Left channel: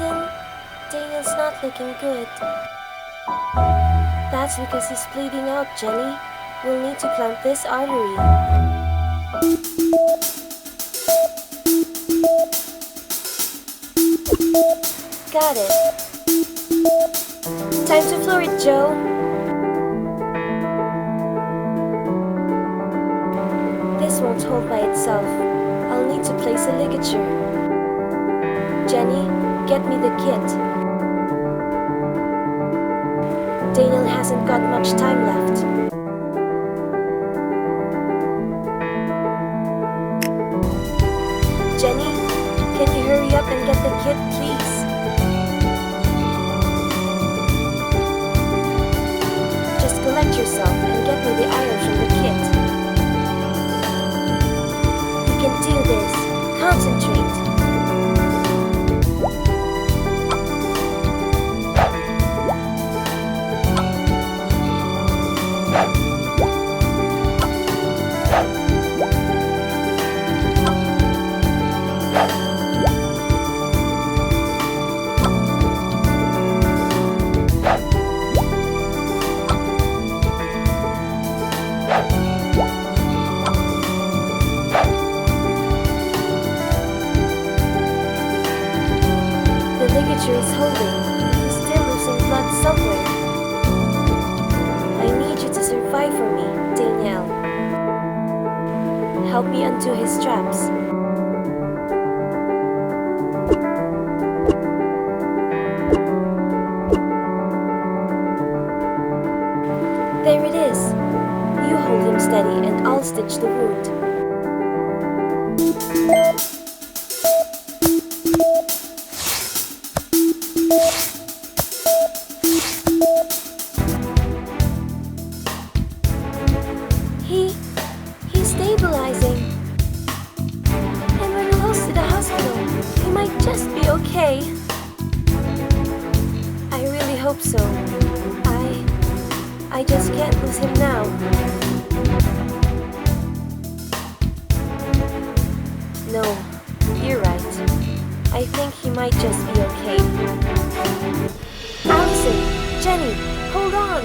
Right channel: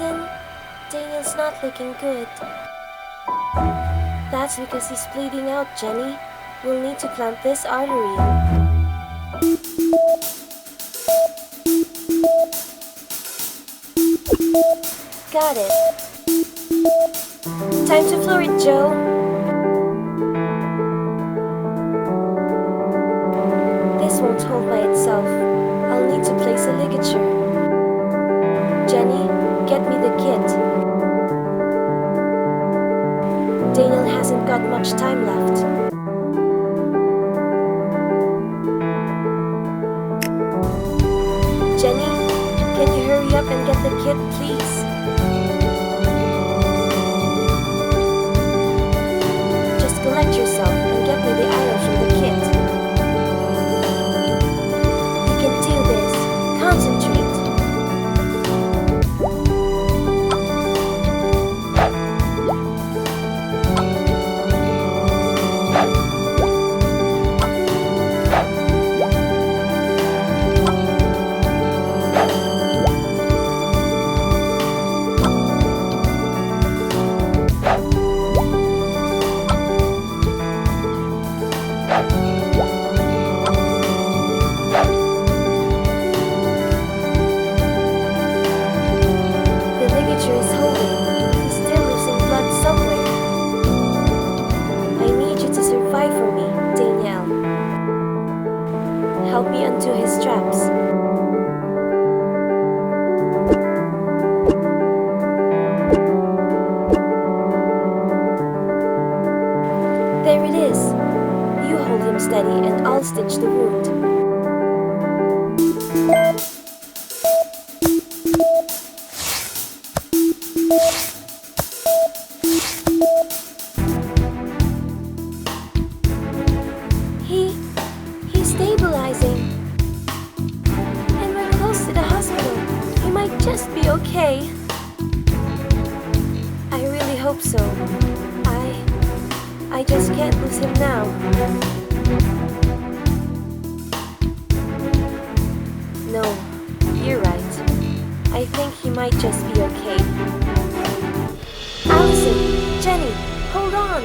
Allison, Daniel's not looking good. That's because he's bleeding out, Jenny. We'll need to clamp this artery. Got it. Time to floor it, Joe. This won't hold by itself. I'll need to place a ligature. Jenny, get me the kit. Daniel hasn't got much time left. Jenny, can you hurry up and get the kit, please? Just collect yourself and get me the items from the kit. You can do this. Concentrate. Is holding, but he's still losing blood somewhere. I need you to survive for me, Danielle. Help me undo his straps. There it is. You hold him steady and I'll stitch the wound. He's stabilizing. And we're close to the hospital. He might just be okay. I really hope so. I just can't lose him now. No, you're right. I think he might just be okay. Allison, Jenny, hold on.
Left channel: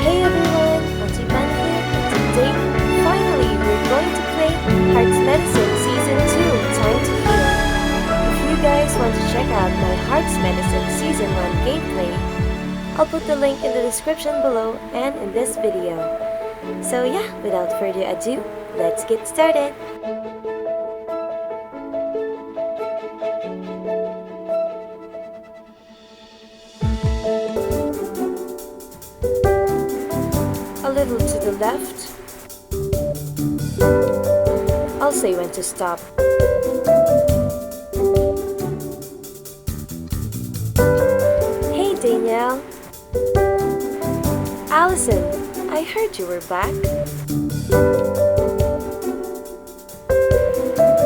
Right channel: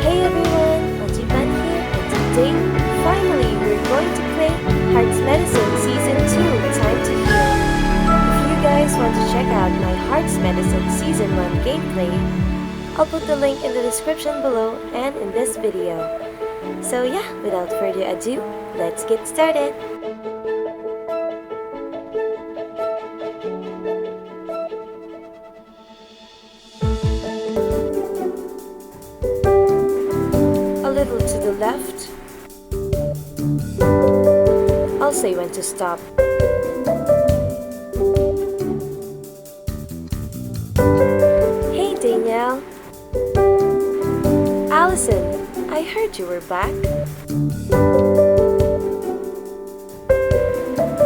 Hey everyone, Audrey Bunny here, and today, finally, we're going to play Heart's Medicine Season 2, Time to Heal. If you guys want to check out my Heart's Medicine Season 1 gameplay, I'll put the link in the description below and in this video. So yeah, without further ado, let's get started! A little to the left. I'll say when to stop. Hey Danielle. Allison, I heard you were back.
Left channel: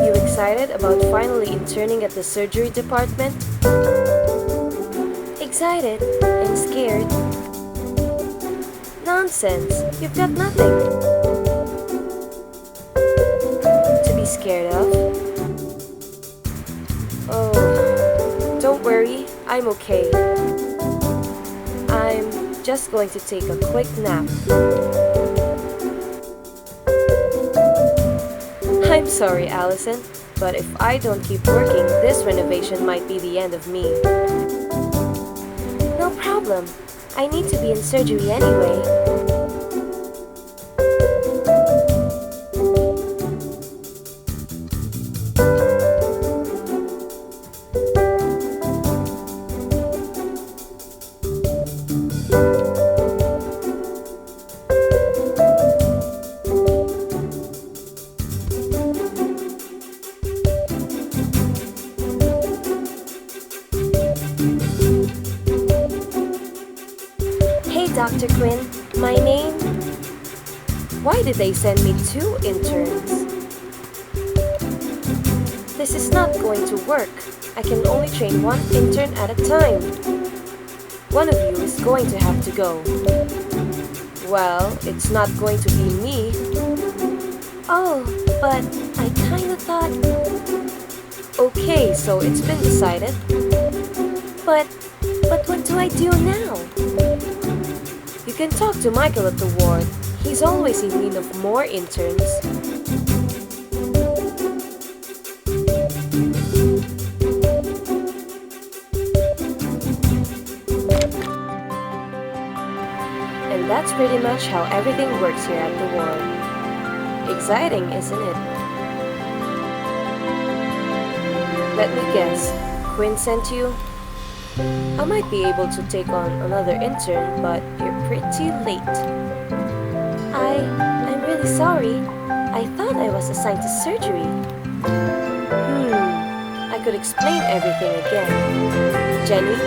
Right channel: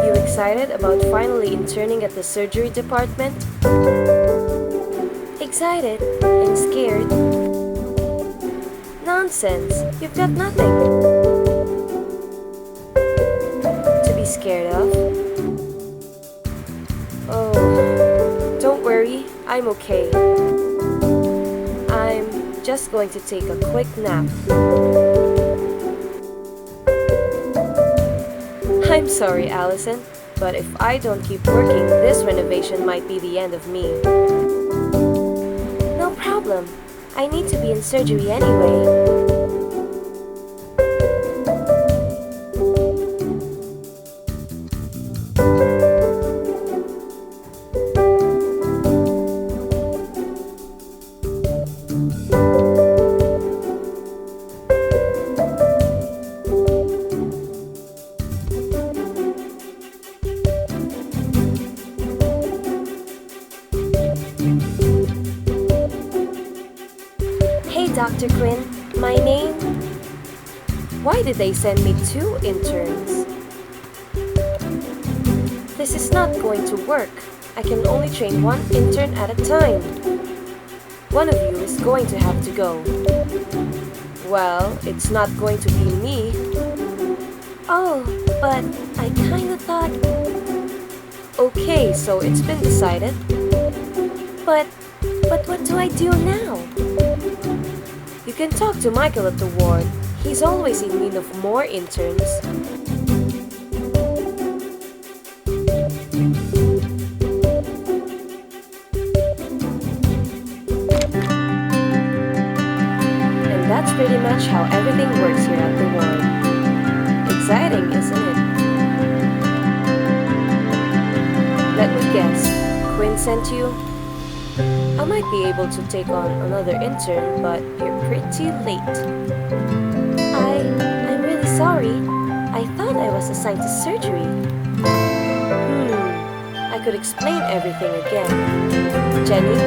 You excited about finally interning at the surgery department? Excited and scared. Nonsense, you've got nothing to be scared of. Oh, don't worry, I'm okay. I'm just going to take a quick nap. I'm sorry, Allison, but if I don't keep working, this renovation might be the end of me. No problem. problem. I need to be in surgery anyway. Hey, Dr. Quinn, my name... Why did they send me 2 interns? This is not going to work. I can only train 1 intern at a time. One of you is going to have to go. Well, it's not going to be me. Oh, but I kinda thought... Okay, so it's been decided. But what do I do now? You can talk to Michael at the ward. He's always in need of more interns. And that's pretty much how everything works here at the ward. Exciting, isn't it? Let me guess, Quinn sent you? I might be able to take on another intern, but you're pretty late. I'm really sorry. I thought I was assigned to surgery. I could explain everything again. Jenny,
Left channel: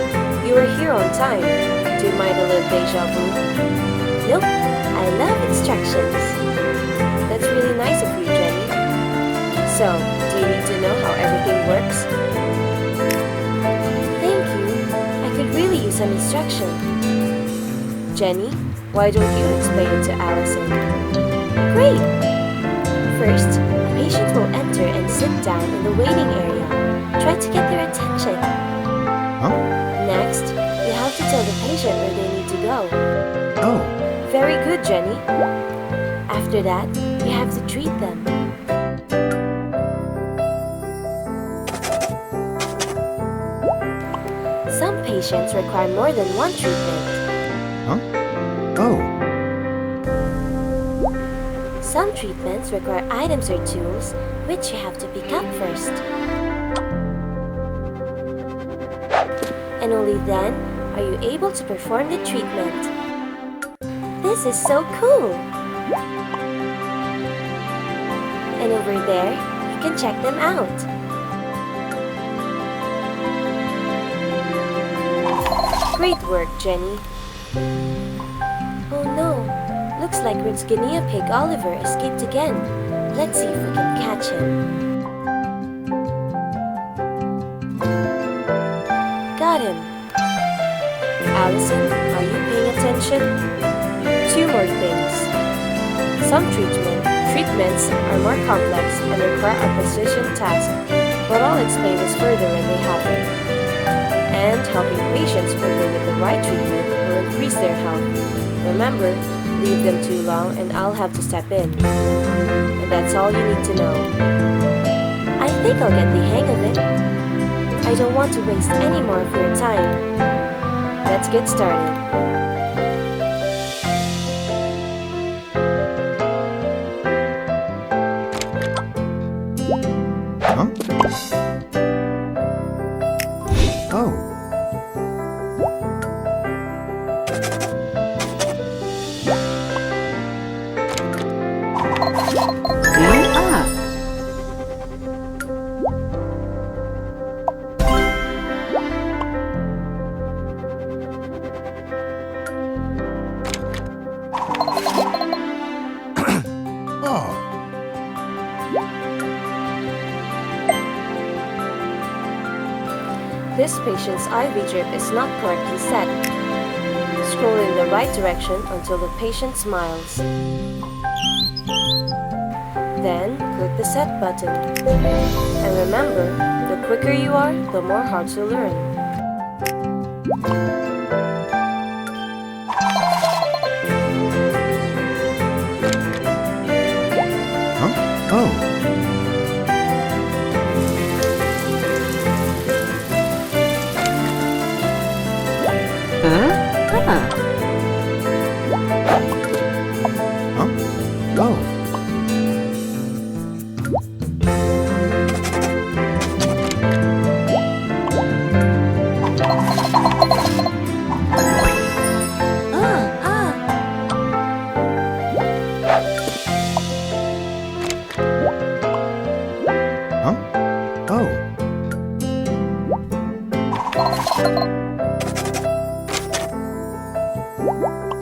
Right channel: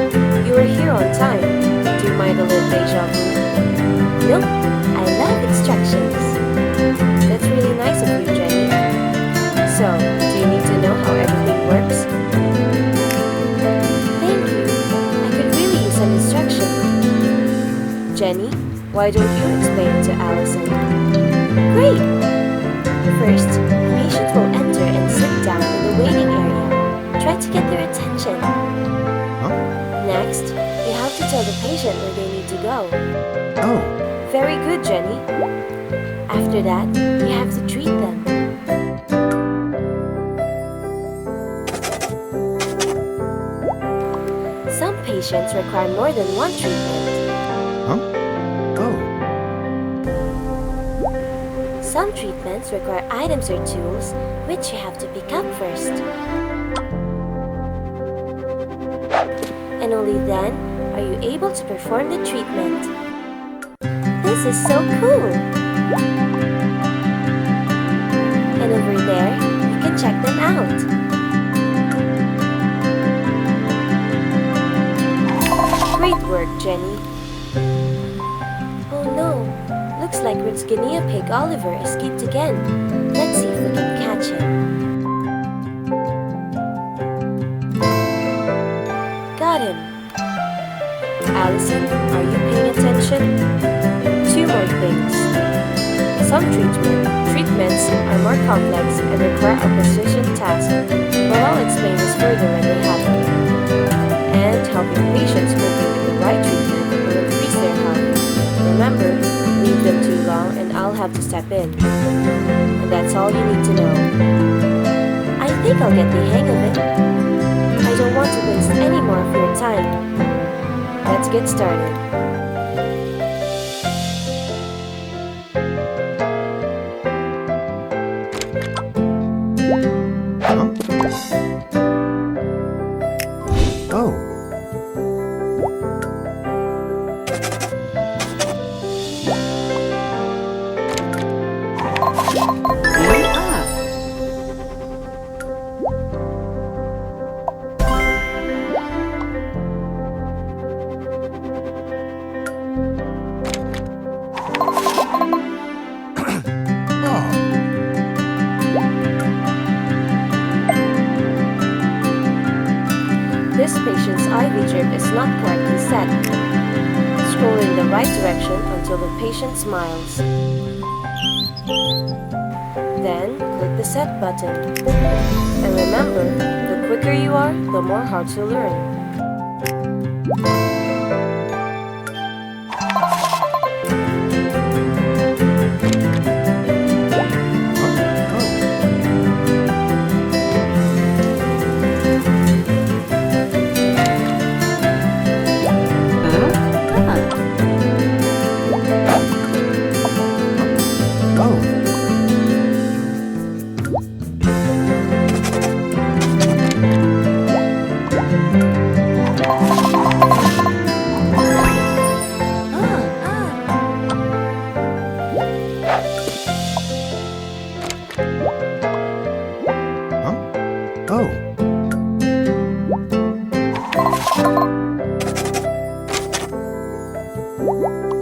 you were here on time. Do you mind a little deja vu? Nope, I love instructions. That's really nice of you, Jenny. So, do you need to know how everything works? Could really use an instruction. Jenny, why don't you explain it to Allison? Great! First, a patient will enter and sit down in the waiting area. Try to get their attention. Huh? Next, you have to tell the patient where they need to go. Oh. Very good, Jenny. After that, you have to treat them. Some patients require more than 1 treatment. Huh? Oh. Some treatments require items or tools which you have to pick up first. And only then are you able to perform the treatment. This is so cool! And over there, you can check them out. Great work, Jenny. Oh no, looks like Rin's guinea pig Oliver escaped again. Let's see if we can catch him. Got him. Allison, are you paying attention? 2 more things. Some treatments are more complex and require a precision task, but I'll explain this further when they happen. And helping patients quickly with the right treatment will increase their health. Remember, leave them too long and I'll have to step in. And that's all you need to know. I think I'll get the hang of it. I don't want to waste any more of your time. Let's get started. Huh? Oh. This patient's IV drip is not correctly set. Scroll in the right direction until the patient smiles. Then, click the Set button. And remember, the quicker you are, the more hard to learn. Huh? Oh. Huh?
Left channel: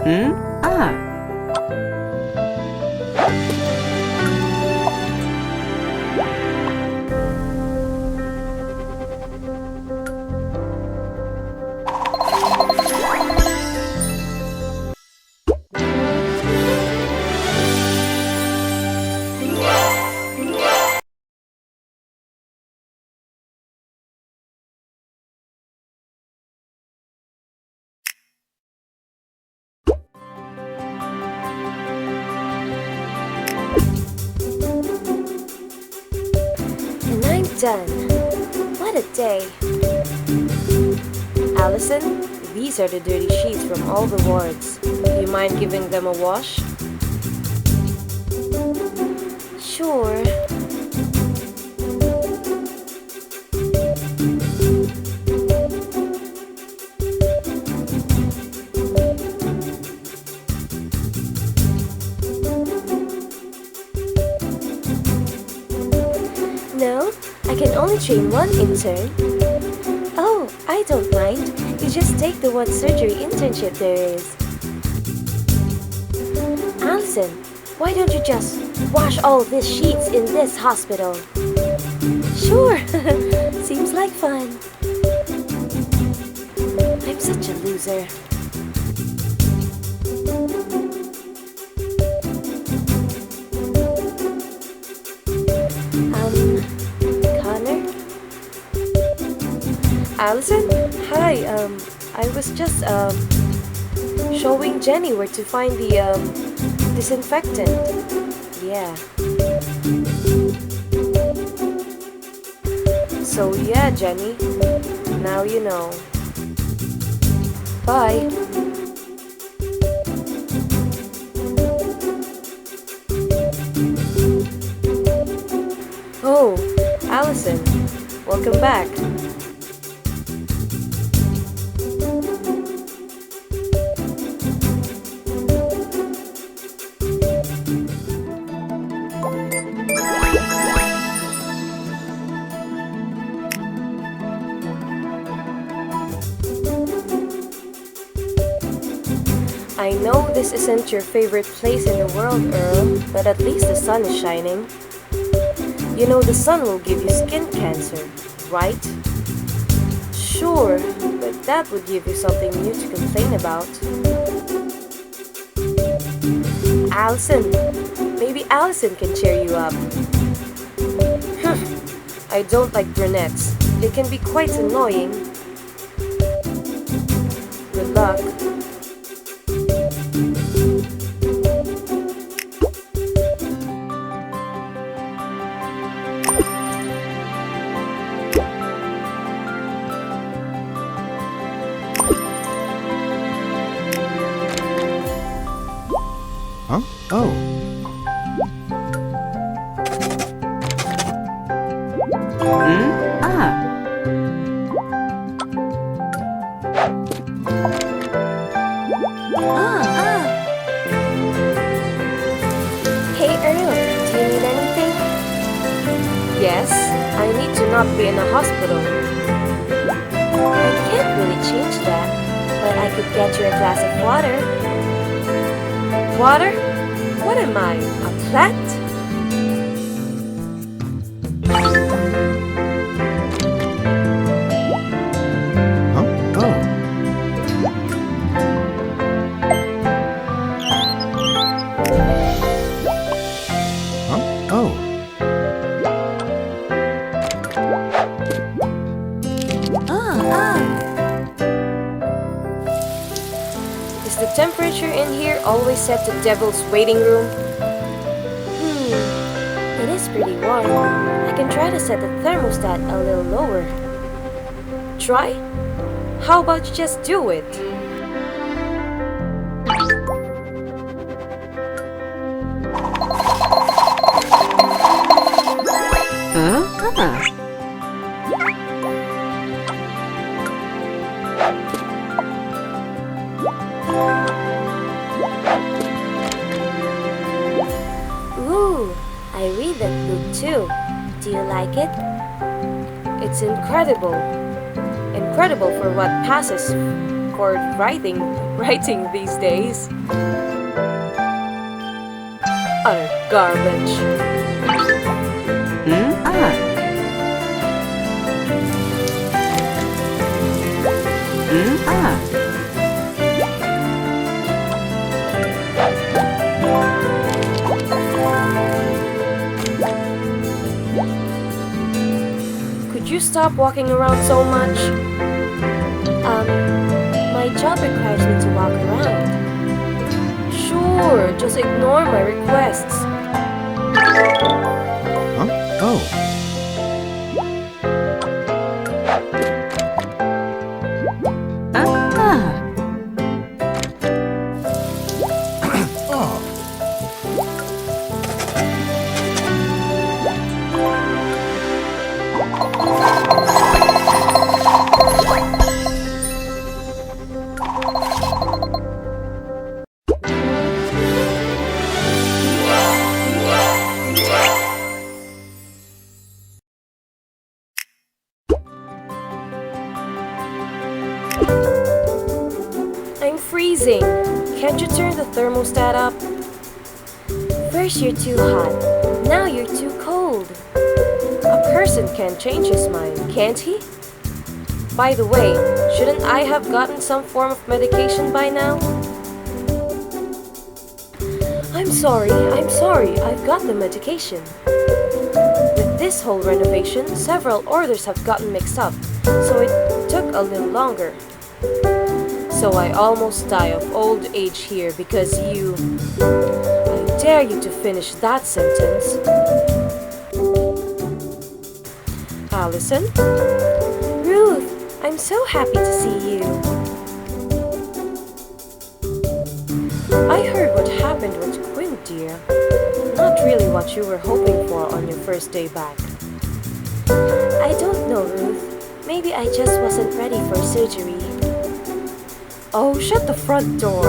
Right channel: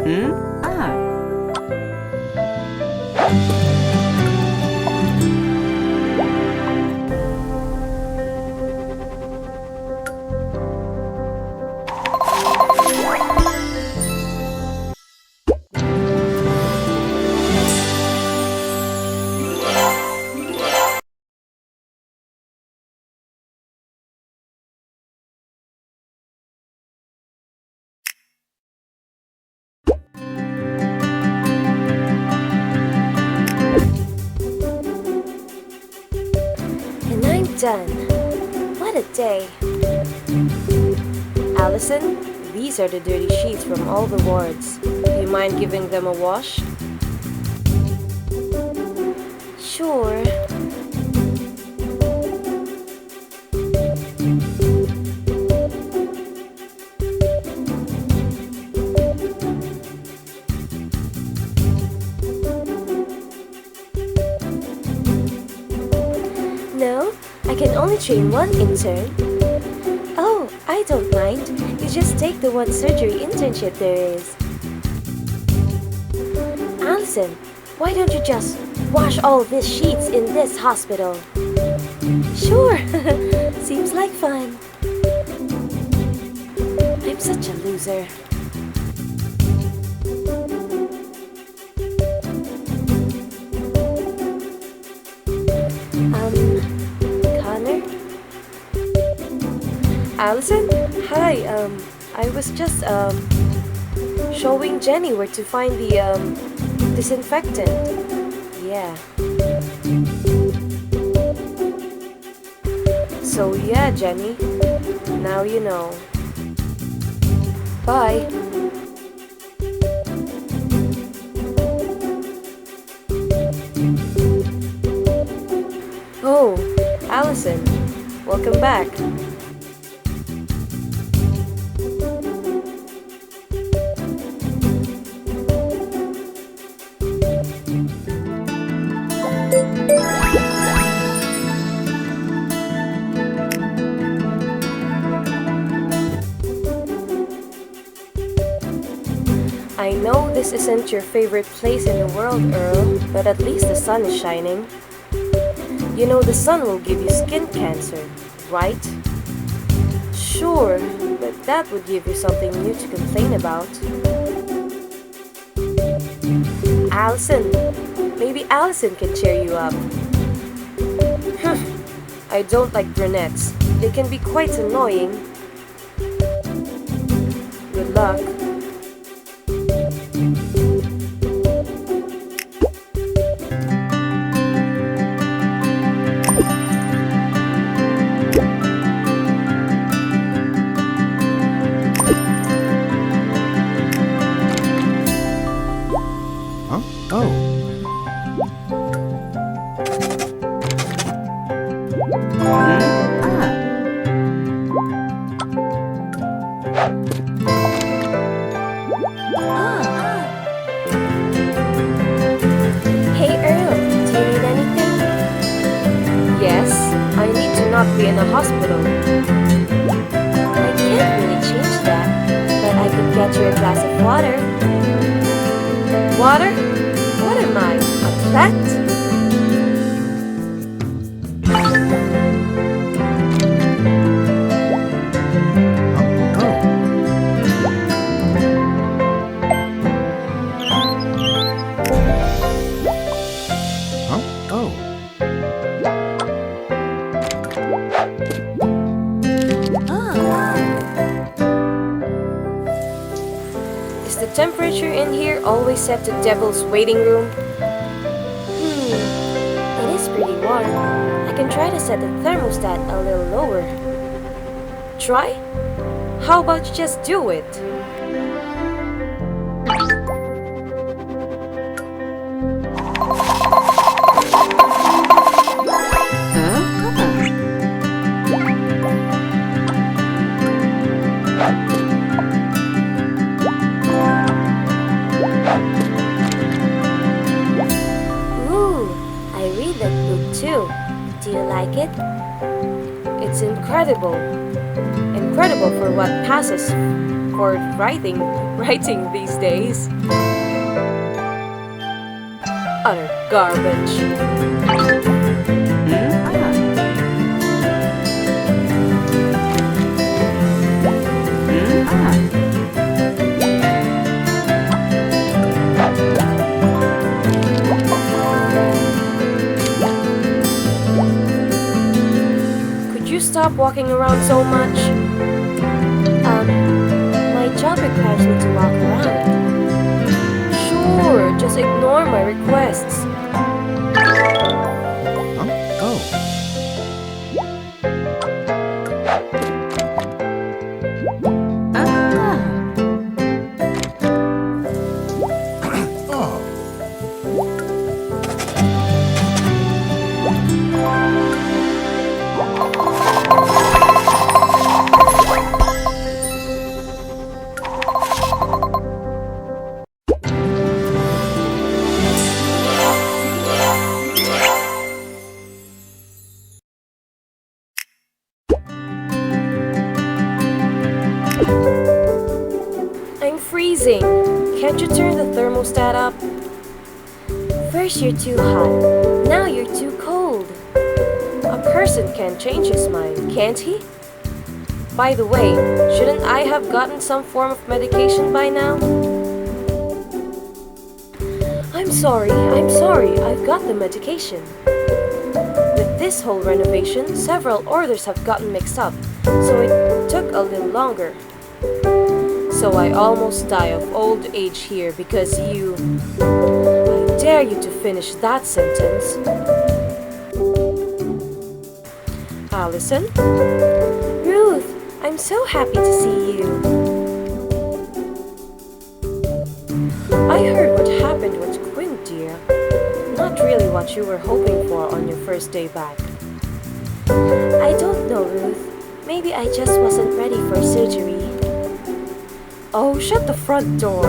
Hmm? Ah. And I'm done. What a day. Allison, these are the dirty sheets from all the wards. Do you mind giving them a wash? Sure. No, I can only train one intern. Oh, I don't mind. You just take the one surgery internship there is. Allison, why don't you just wash all these sheets in this hospital? Sure, seems like fun. I'm such a loser. Connor? Allison? Hi, I was just, showing Jenny where to find the, disinfectant. Yeah. So yeah, Jenny. Now you know. Bye. Oh, Allison. Welcome back. I know this isn't your favorite place in the world, Earl, but at least the sun is shining. You know the sun will give you skin cancer, right? Sure, but that would give you something new to complain about. Allison, maybe Allison can cheer you up. I don't like brunettes. They can be quite annoying. Good luck. Huh? Oh. Hmm? Ah. Hey Earl, do you need anything? Yes, I need to not be in a hospital. I can't really change that, but I could get you a glass of water. Water? What am I, a plant? Huh? Oh. Huh? Oh. Is the temperature in here always set to Devil's Waiting Room? It is pretty warm. I can try to set the thermostat a little lower. Try? How about you just do it? Huh? Ah. Ooh, I read that book too. Do you like it? It's incredible. incredible for what passes for writing these days. Utter garbage. Ah. Ah. Could you stop walking around so much? My job requires me to walk around. Sure, just ignore my requests. Huh? Oh. Ah. Oh. I'm freezing. Can't you turn the thermostat up? First you're too hot, now you're too cold. A person can change his mind, can't he? By the way, shouldn't I have gotten some form of medication by now? I'm sorry, I've got the medication. With this whole renovation, several orders have gotten mixed up, so it took a little longer. So I almost die of old age here because you... I dare you to finish that sentence. Allison? Ruth, I'm so happy to see you. I heard what happened with Quinn, dear. Not really what you were hoping for on your first day back. I don't know, Ruth. Maybe I just wasn't ready for surgery. Oh, shut the front door.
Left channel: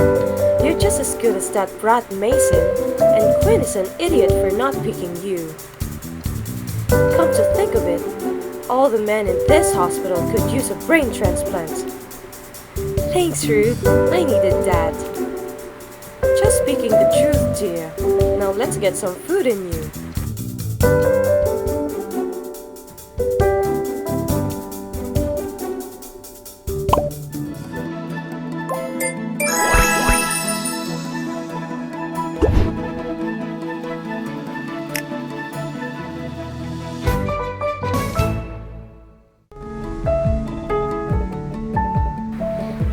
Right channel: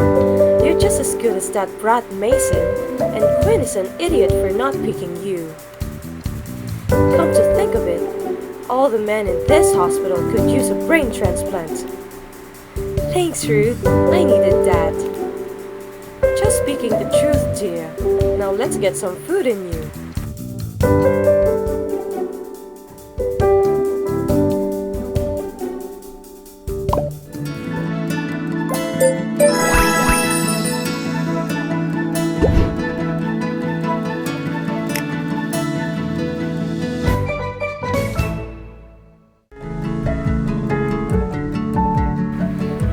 You're just as good as that brat Mason, and Quinn is an idiot for not picking you. Come to think of it, all the men in this hospital could use a brain transplant. Thanks, Ruth. I needed that. Just speaking the truth, dear. Now let's get some food in you.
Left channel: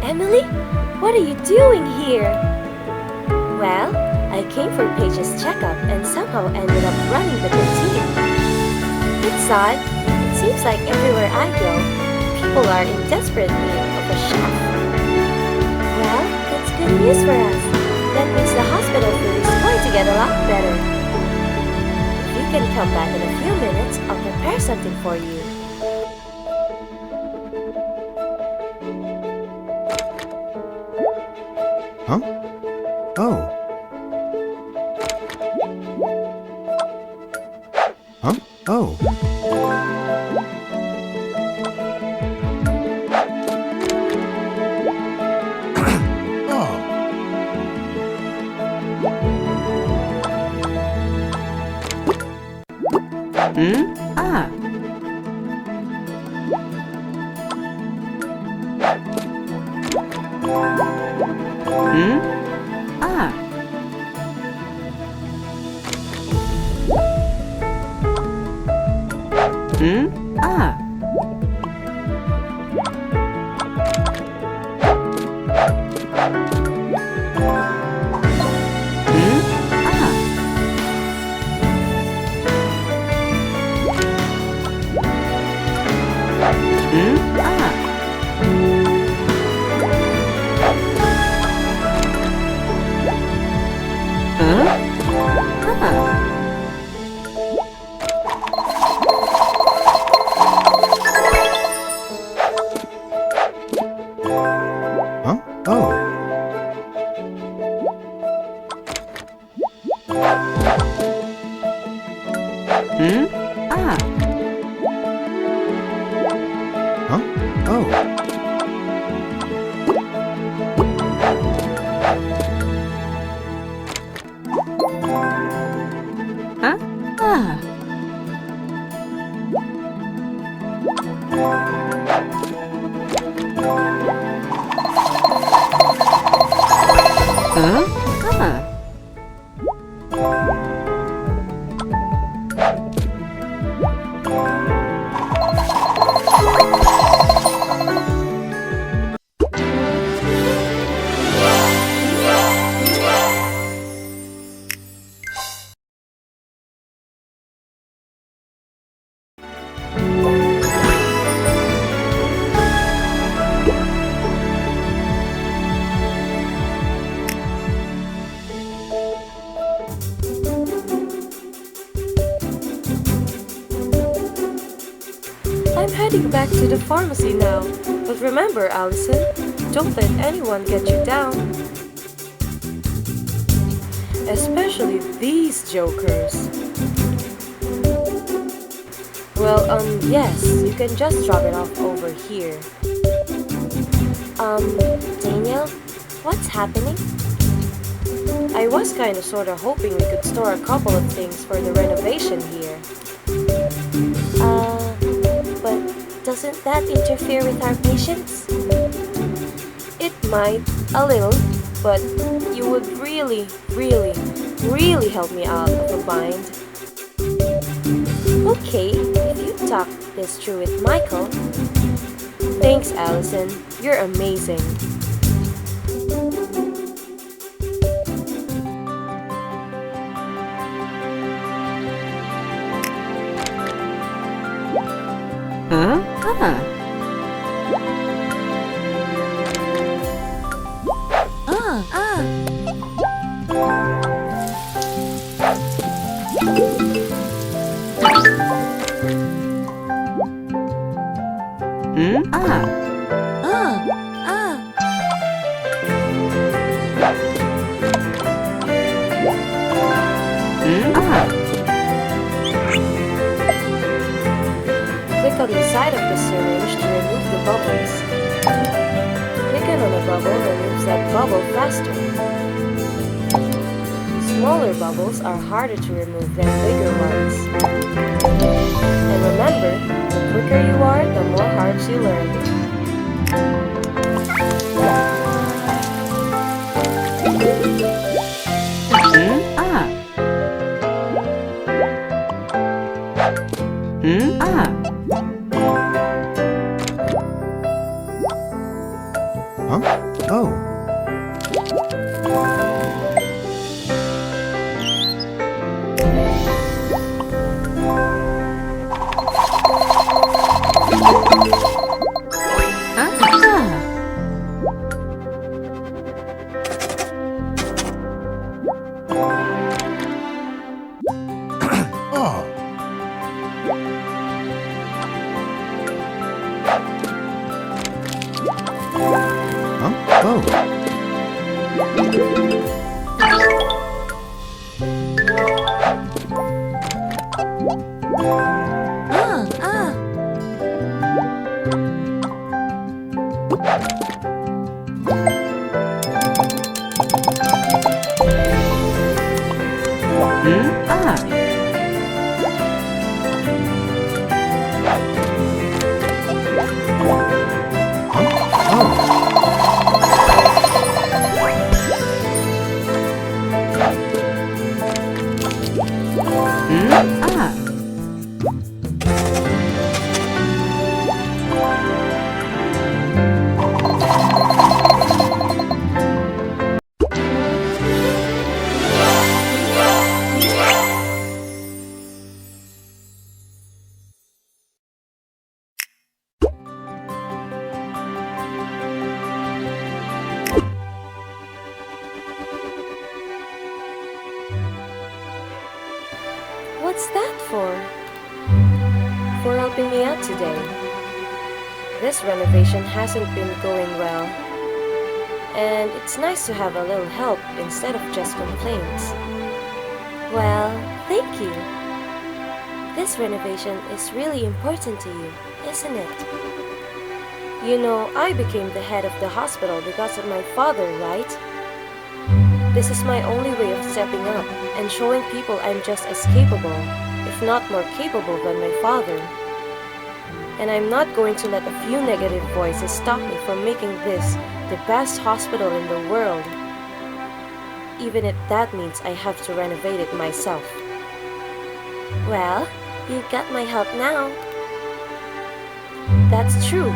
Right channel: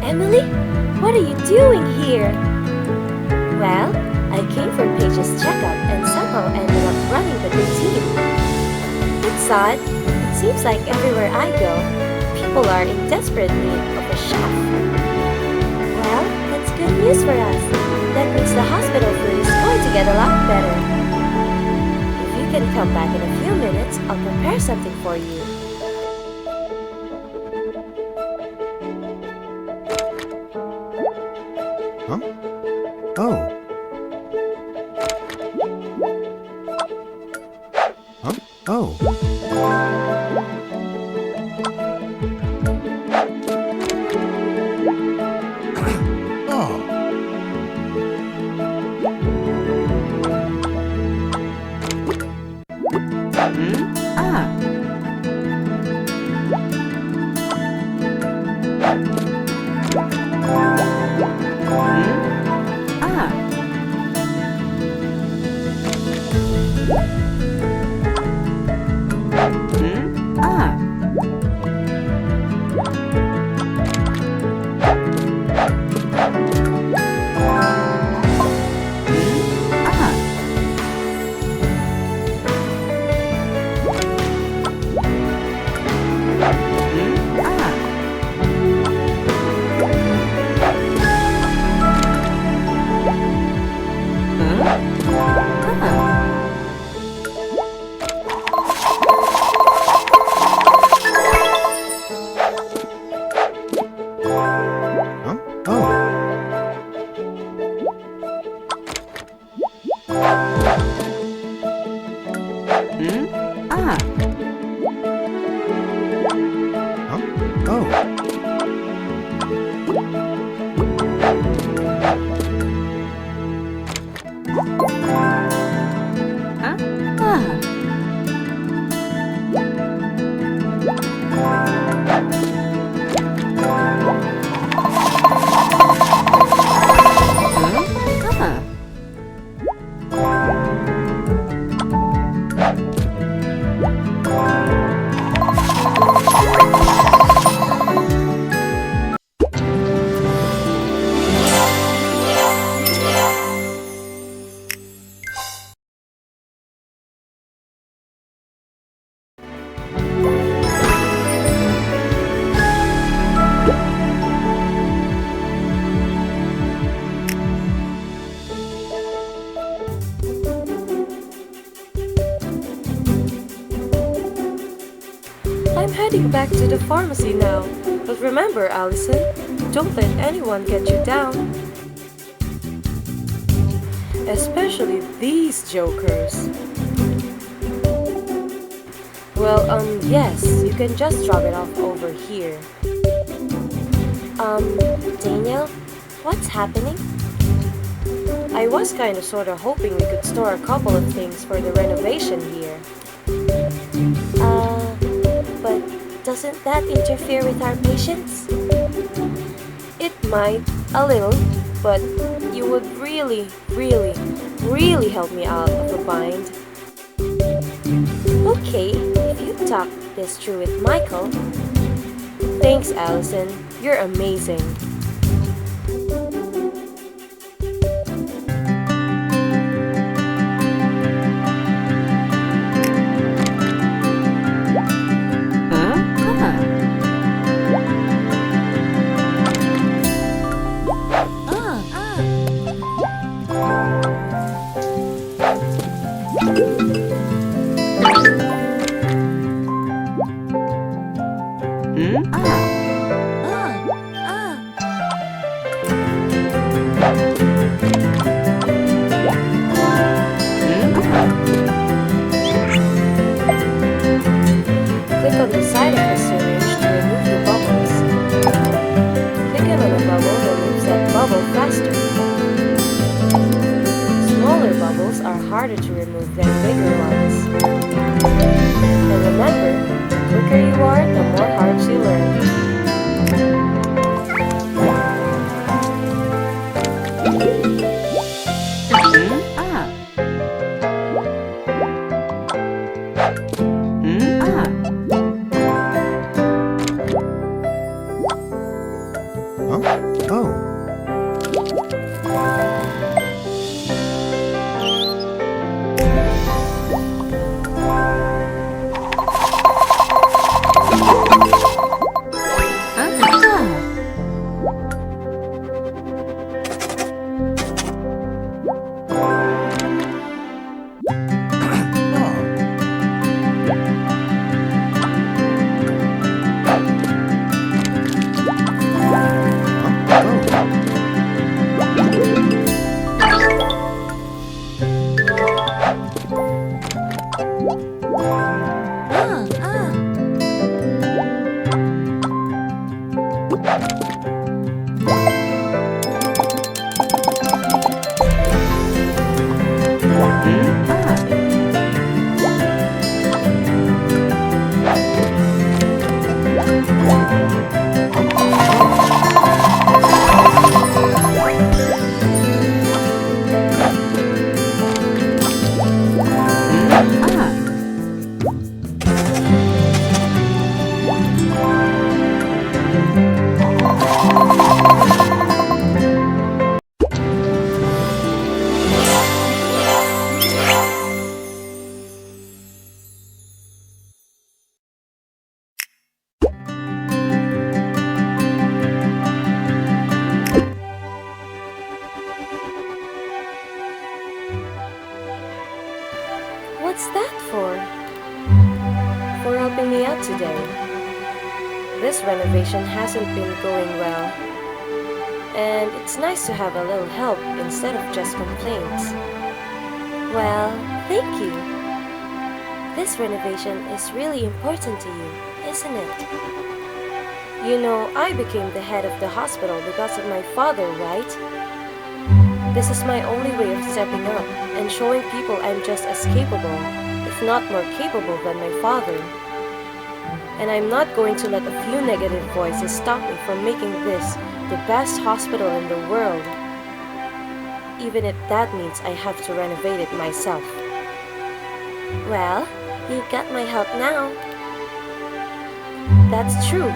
Emily, what are you doing here? Well, I came for Paige's checkup and somehow ended up running the canteen. It's odd. It seems like everywhere I go, people are in desperate need of a chef. Well, that's good news for us. That means the hospital food is going to get a lot better. If you can come back in a few minutes, I'll prepare something for you. Huh? Oh. Huh? Oh. Oh. Ah. Ah. Ah. Ah. Ah. Ah. Huh? Oh. Ah. Huh? Oh. heading back to the pharmacy now. But remember, Allison, don't let anyone get you down. Especially these jokers. Well, yes, you can just drop it off over here. Daniel, what's happening? I was kinda sorta hoping we could store a couple of things for the renovation here. But doesn't that interfere with our patients? It might, a little, but you would really, really, really help me out of a bind. Okay, if you talk this through with Michael. Thanks, Allison. You're amazing. Huh? Ah. Click on the side of the syringe to remove the bubbles. Clicking on a bubble removes that bubble faster. Smaller bubbles are harder to remove than bigger ones. And remember, the quicker you are, the more hearts you learn. Huh? Oh. What's that for? For helping me out today. This renovation hasn't been going well. And it's nice to have a little help instead of just complaints. Well, thank you. This renovation is really important to you, isn't it? You know, I became the head of the hospital because of my father, right? This is my only way of stepping up and showing people I'm just as capable, if not more capable than my father. And I'm not going to let a few negative voices stop me from making this the best hospital in the world. Even if that means I have to renovate it myself. Well, you got my help now. That's true.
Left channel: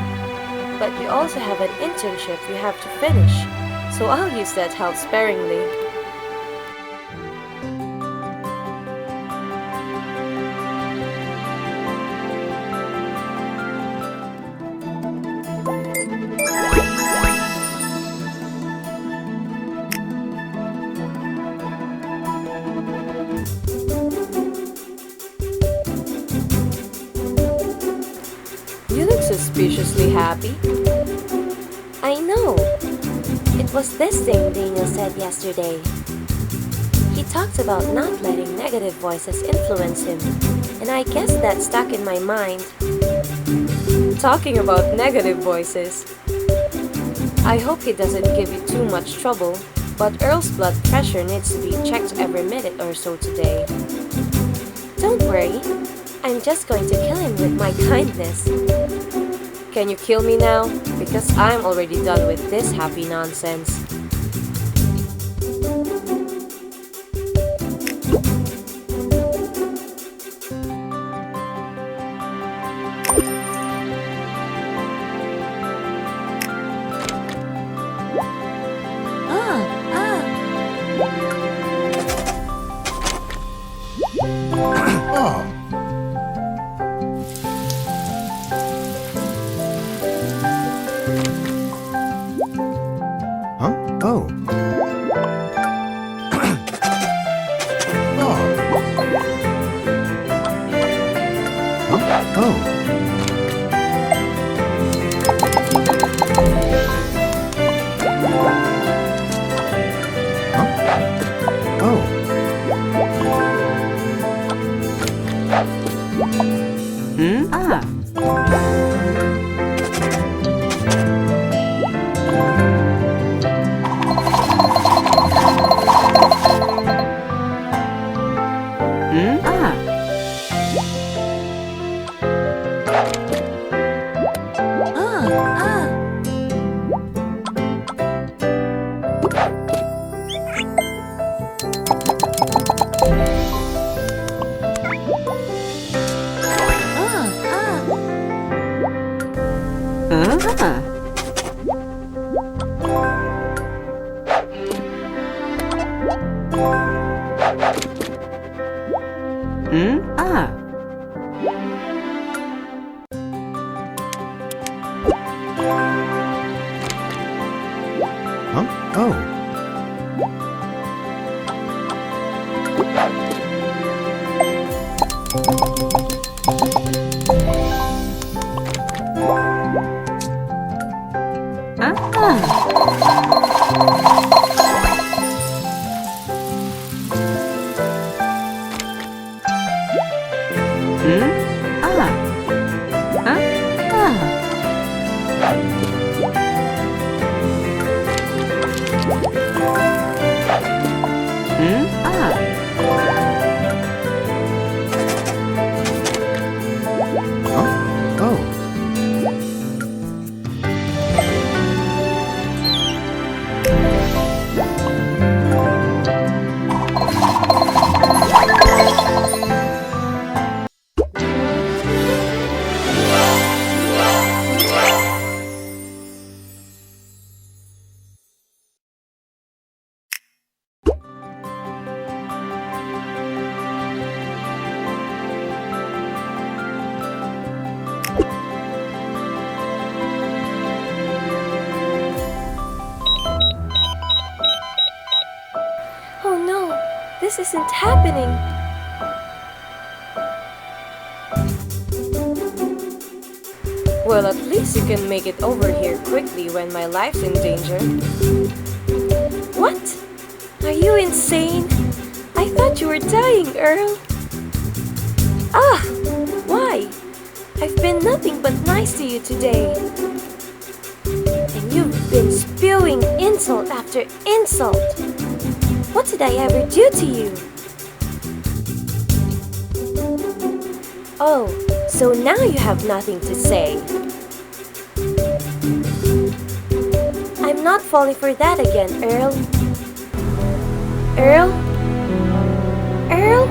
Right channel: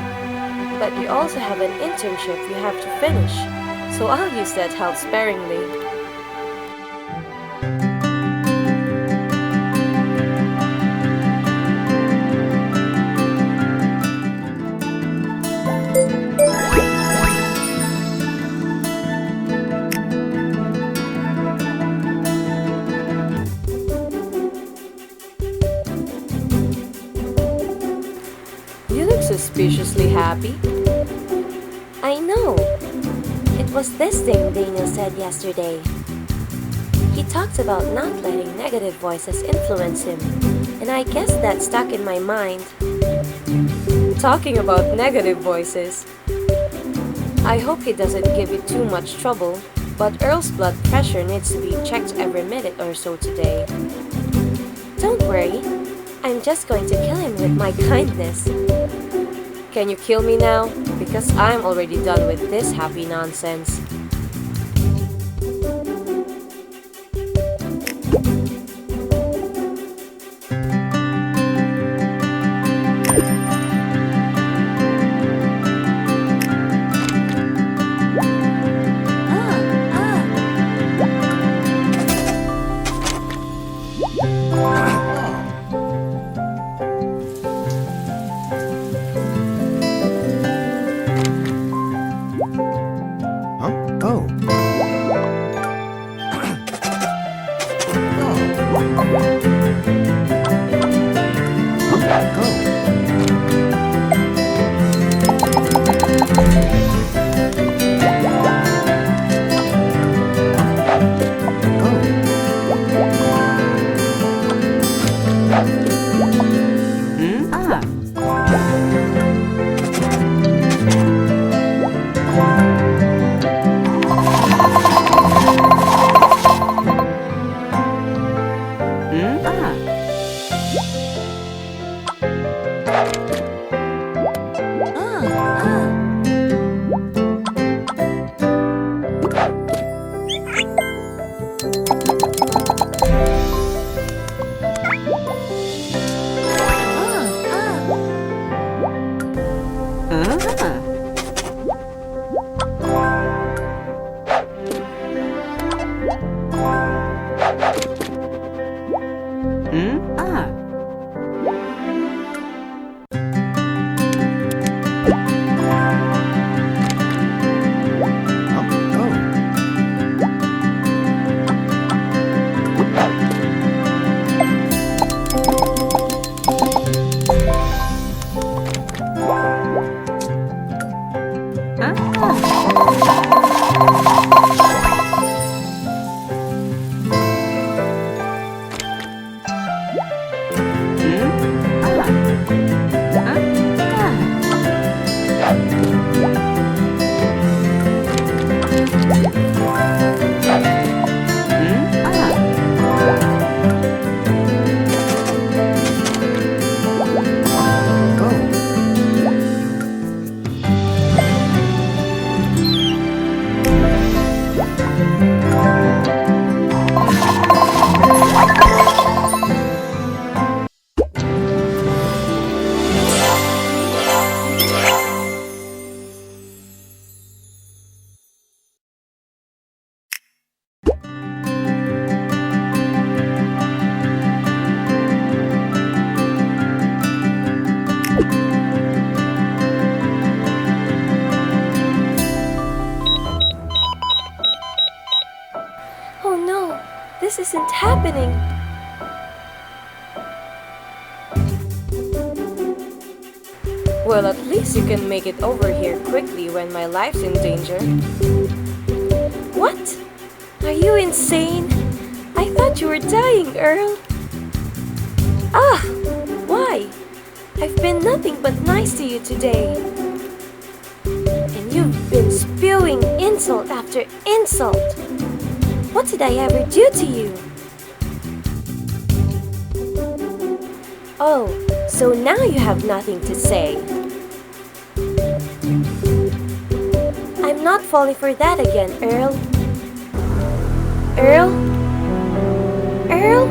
But you also have an internship you have to finish, so I'll use that help sparingly. You suspiciously happy. I know. It was this thing Daniel said yesterday. He talked about not letting negative voices influence him, and I guess that stuck in my mind. Talking about negative voices. I hope he doesn't give you too much trouble, but Earl's blood pressure needs to be checked every minute or so today. Don't worry. I'm just going to kill him with my kindness. Can you kill me now? Because I'm already done with this happy nonsense. Oh. Huh? Oh. Oh. Huh? Oh. Huh? Oh. Huh? Oh. Oh. Oh no, this isn't happening. Well, at least you can make it over here quickly when my life's in danger. What? Are you insane? I thought you were dying, Earl. Ah! Why? I've been nothing but nice to you today. And you've been spewing insult after insult. What did I ever do to you? Oh, so now you have nothing to say. I'm not falling for that again, Earl. Earl? Earl?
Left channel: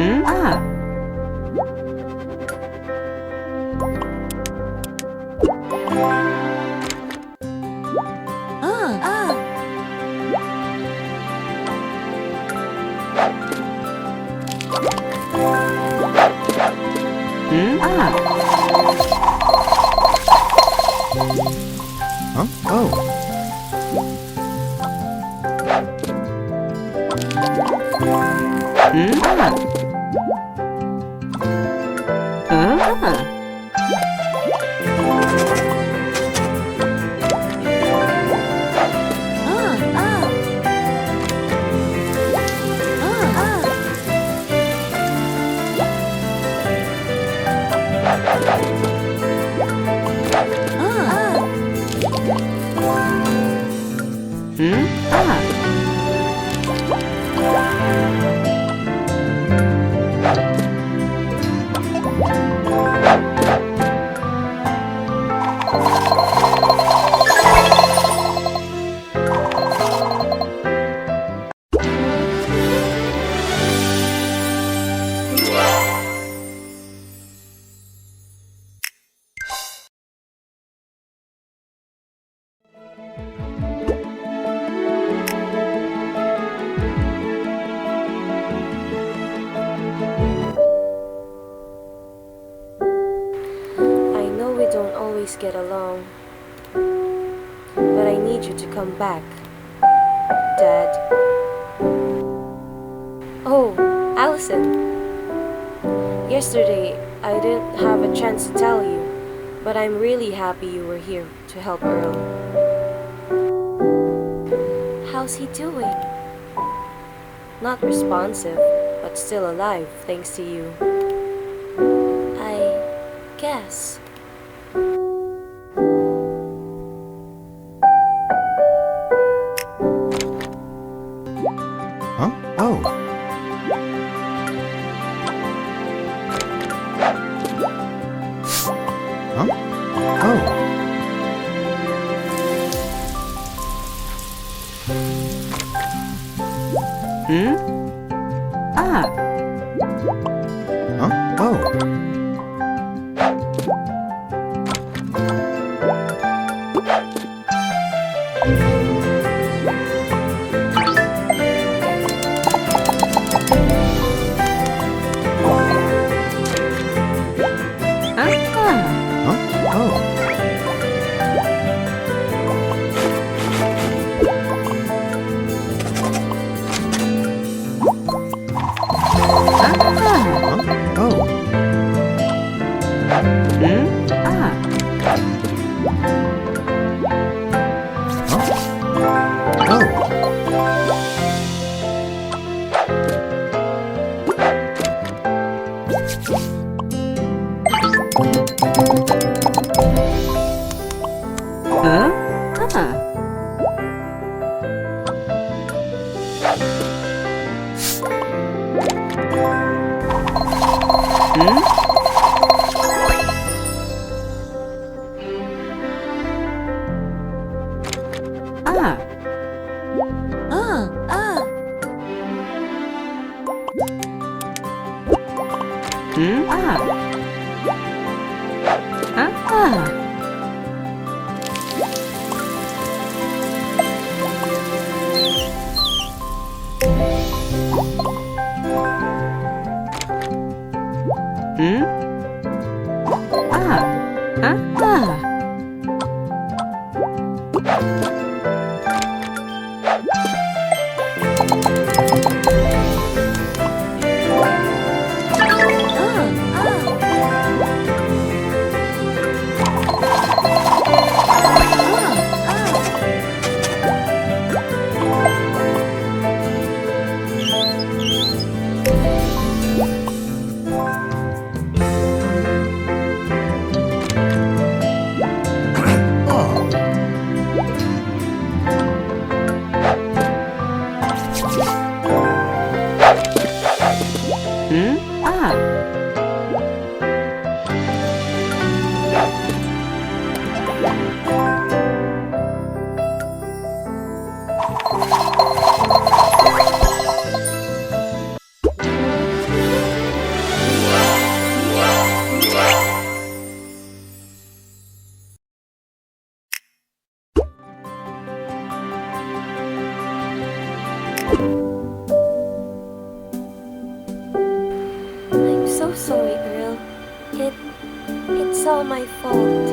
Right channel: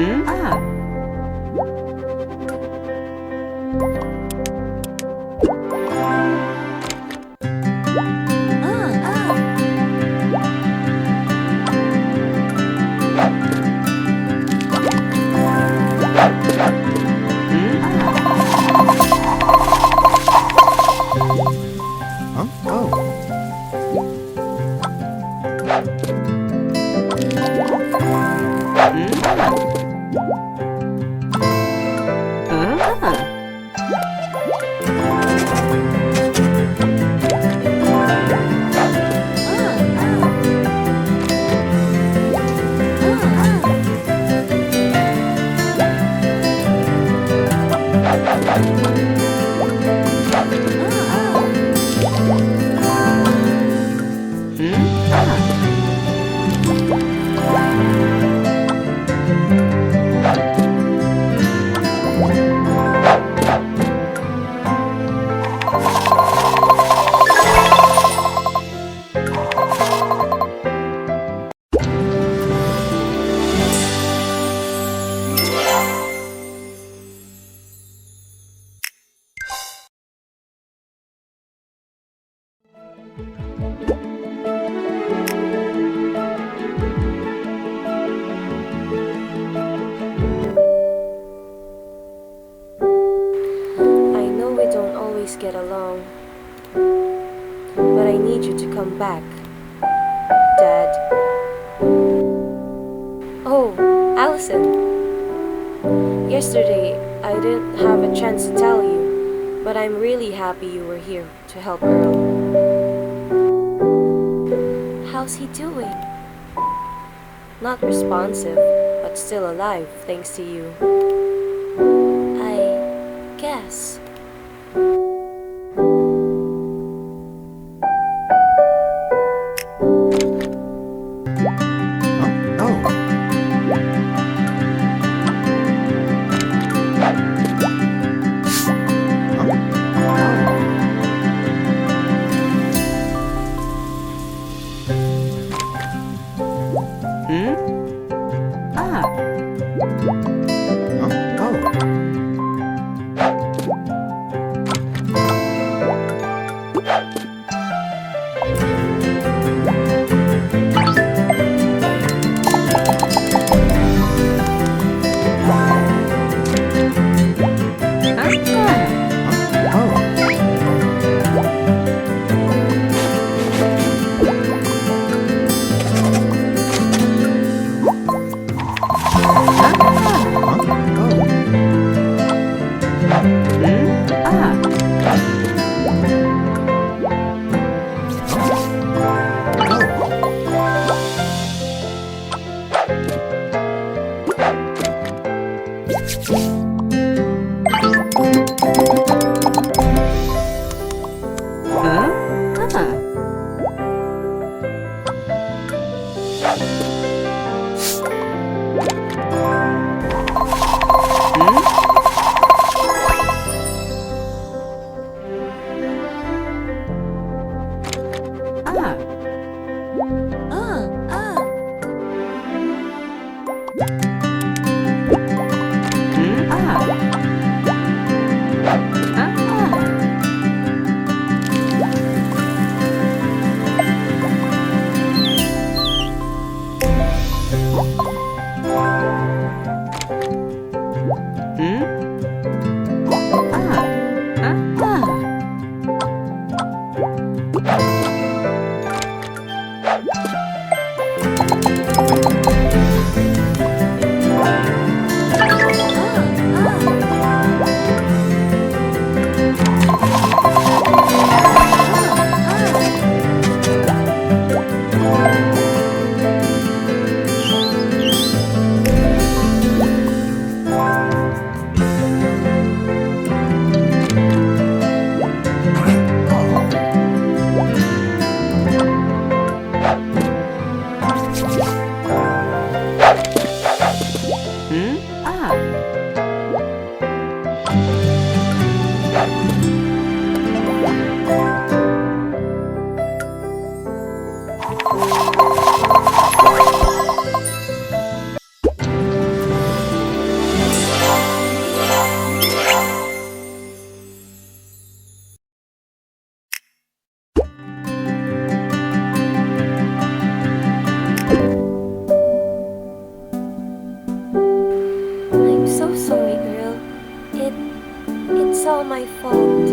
Huh? Oh. I know we don't always get along, but I need you to come back, Dad. Oh, Allison. Yesterday, I didn't have a chance to tell you, but I'm really happy you were here to help Earl. How's he doing? Not responsive, but still alive thanks to you. I guess. Huh? Oh. Huh? Oh. Huh? Oh. Huh? Oh. Huh? Oh. all my fault.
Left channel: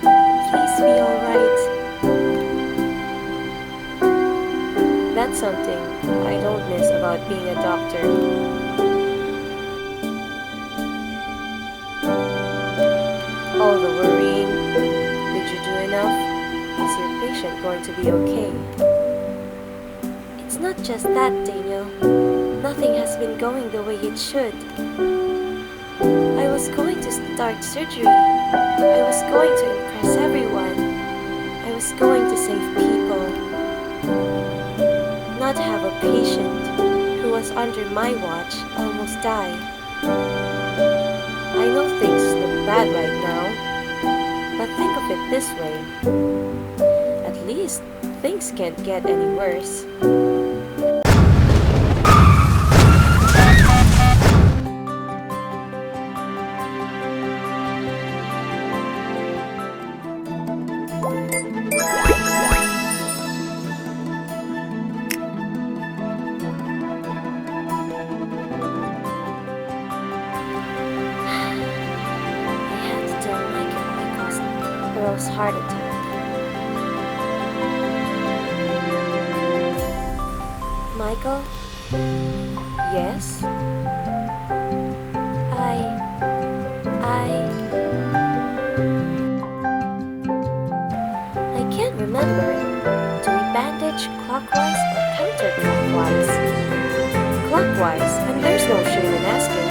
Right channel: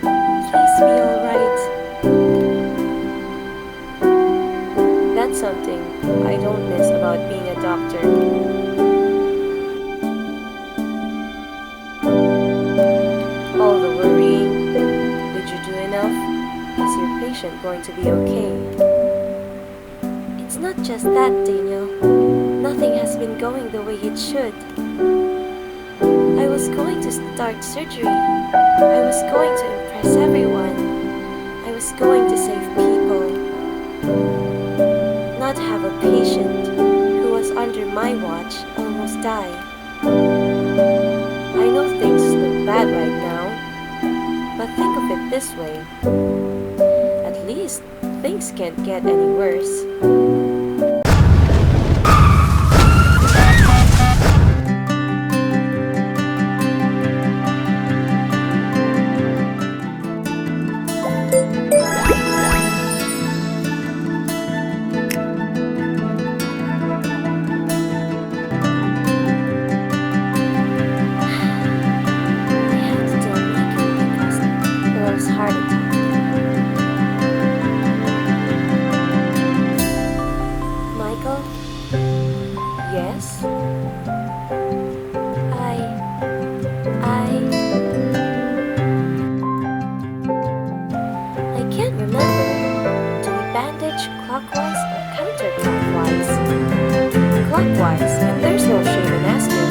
Please be alright. That's something I don't miss about being a doctor. All the worrying. Did you do enough? Is your patient going to be okay? It's not just that, Daniel. Nothing has been going the way it should. I was going to start surgery. I was going to impress everyone. I was going to save people. Not have a patient who was under my watch almost die. I know things look bad right now, but think of it this way. At least things can't get any worse. Earl's heart attack. Michael? Yes? I can't remember. Do we bandage clockwise or counterclockwise? Clockwise, and there's no shame in asking.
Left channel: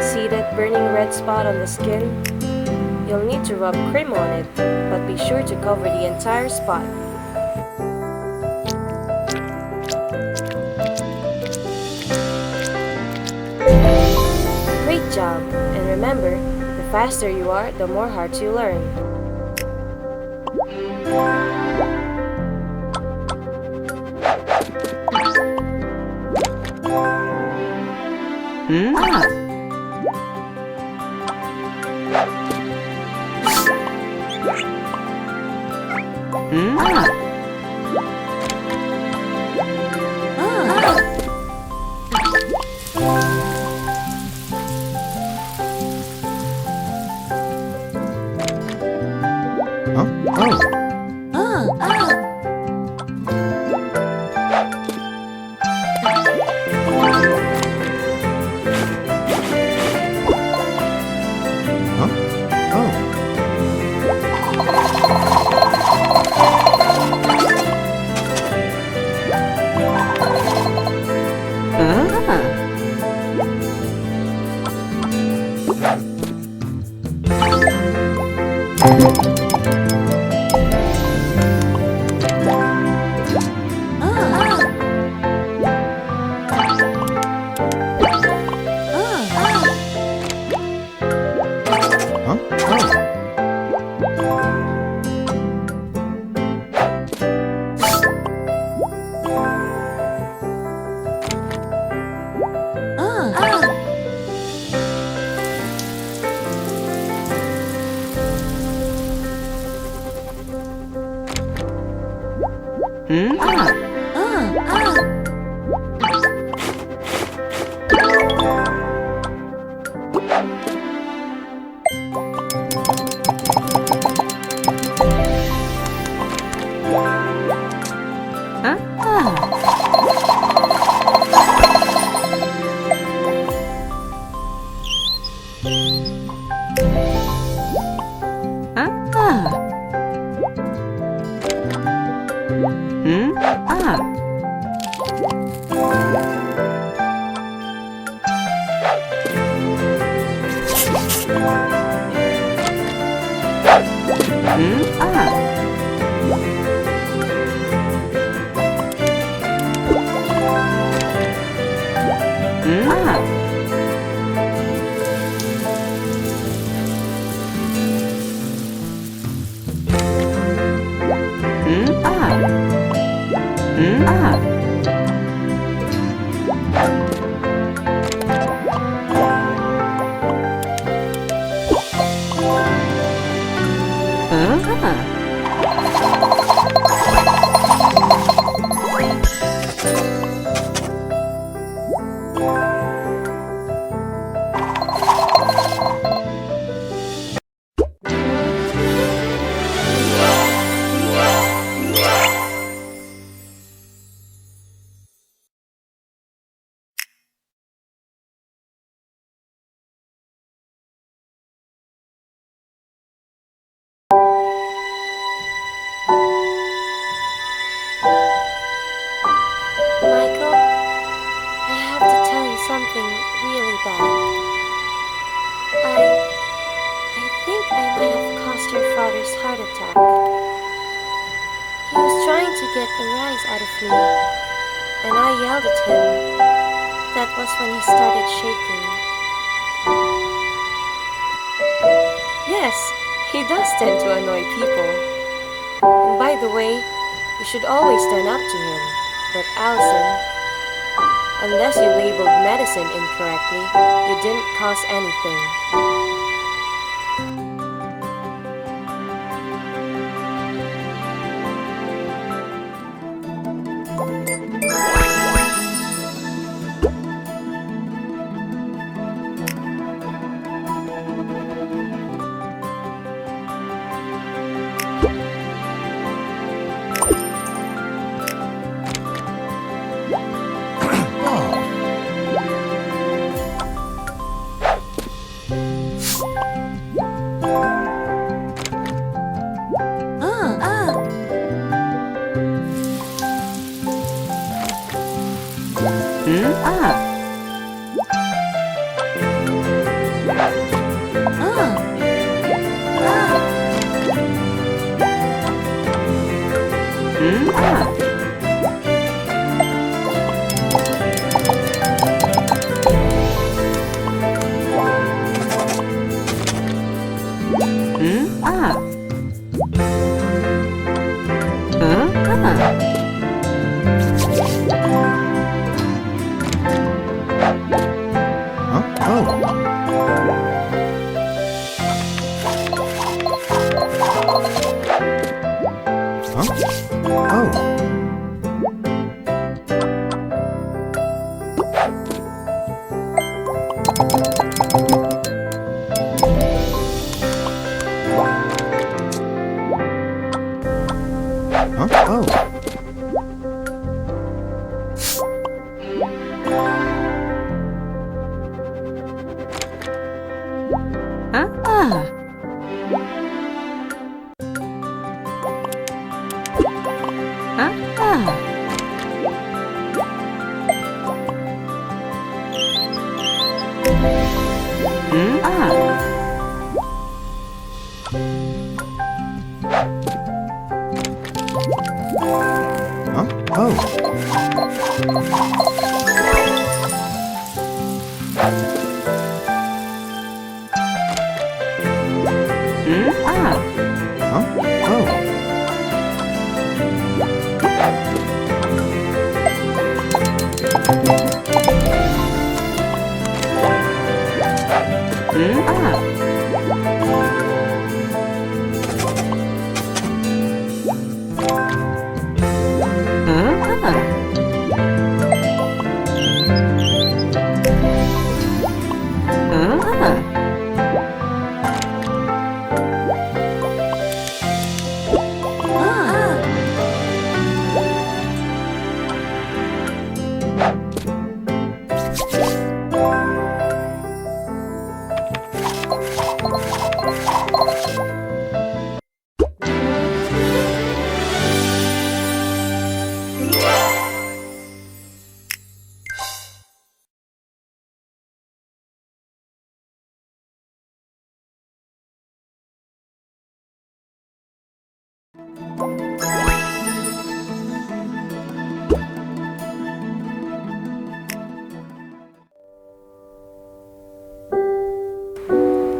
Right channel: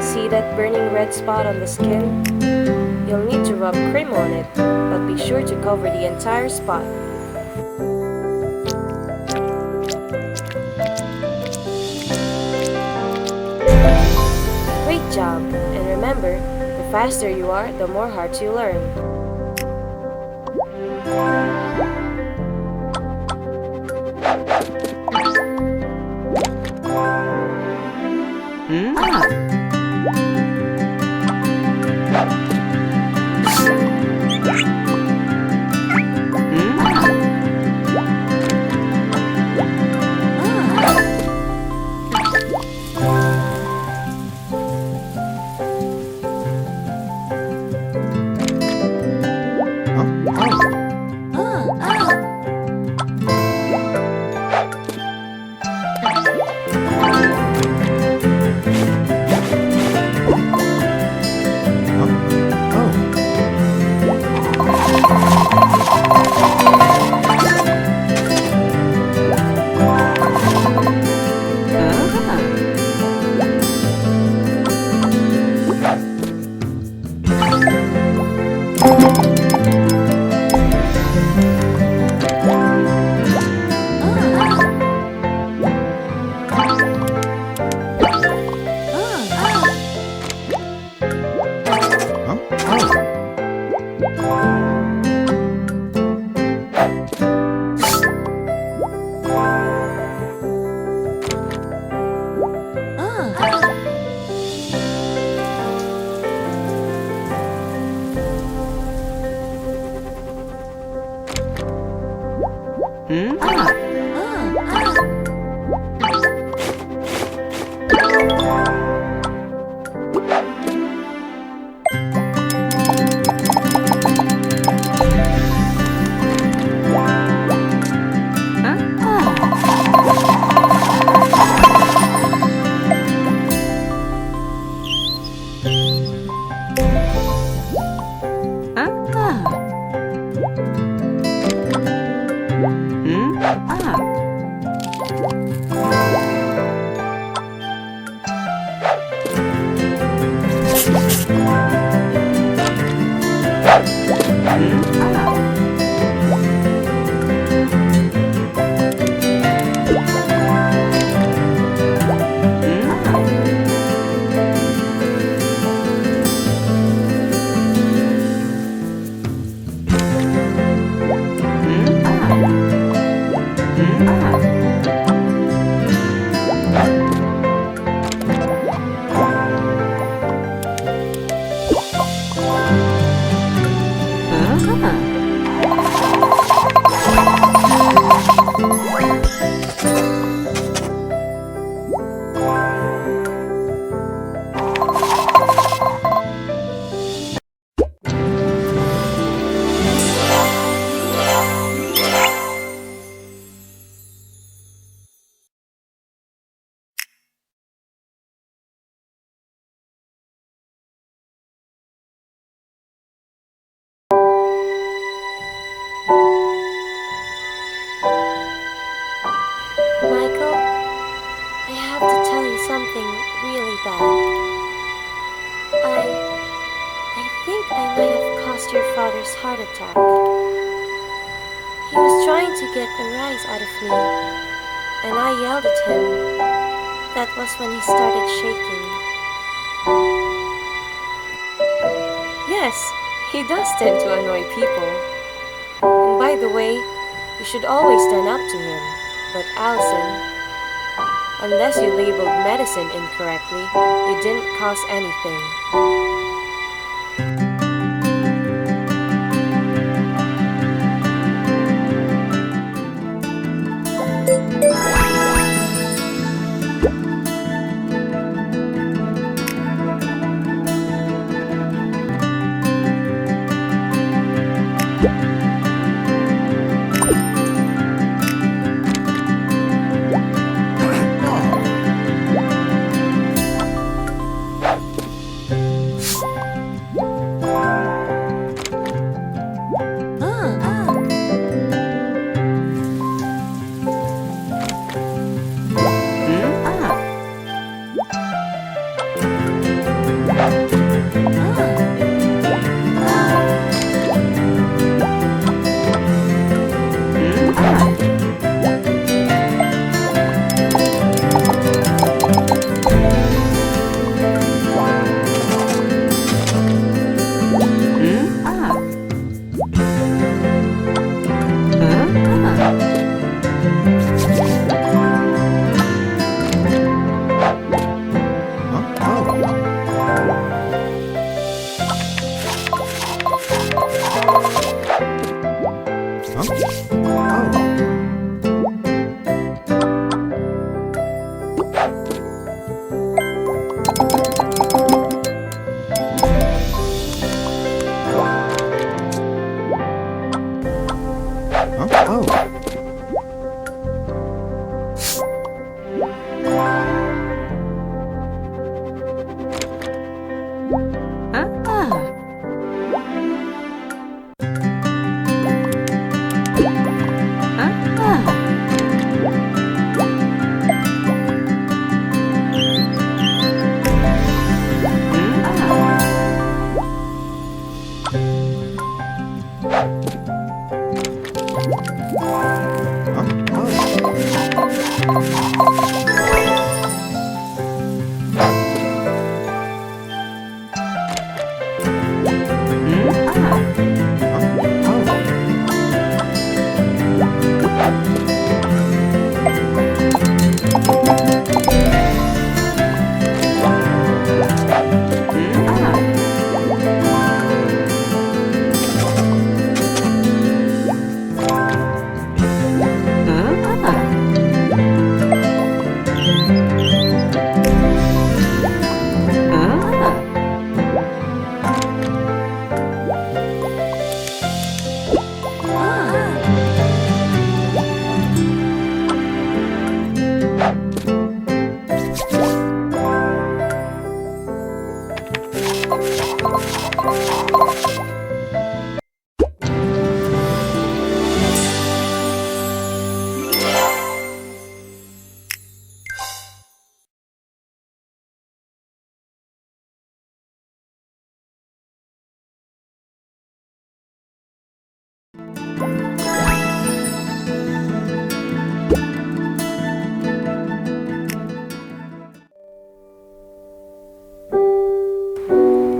See that burning red spot on the skin? You'll need to rub cream on it, but be sure to cover the entire spot. Great job! And remember, the faster you are, the more hearts you learn. Michael, I have to tell you something really bad. I think I might have caused your father's heart attack. He was trying to get a rise out of me, and I yelled at him. That was when he started shaking. Yes, he does tend to annoy people. And by the way, you should always stand up to him. But Allison, unless you labeled medicine incorrectly, you didn't cause anything.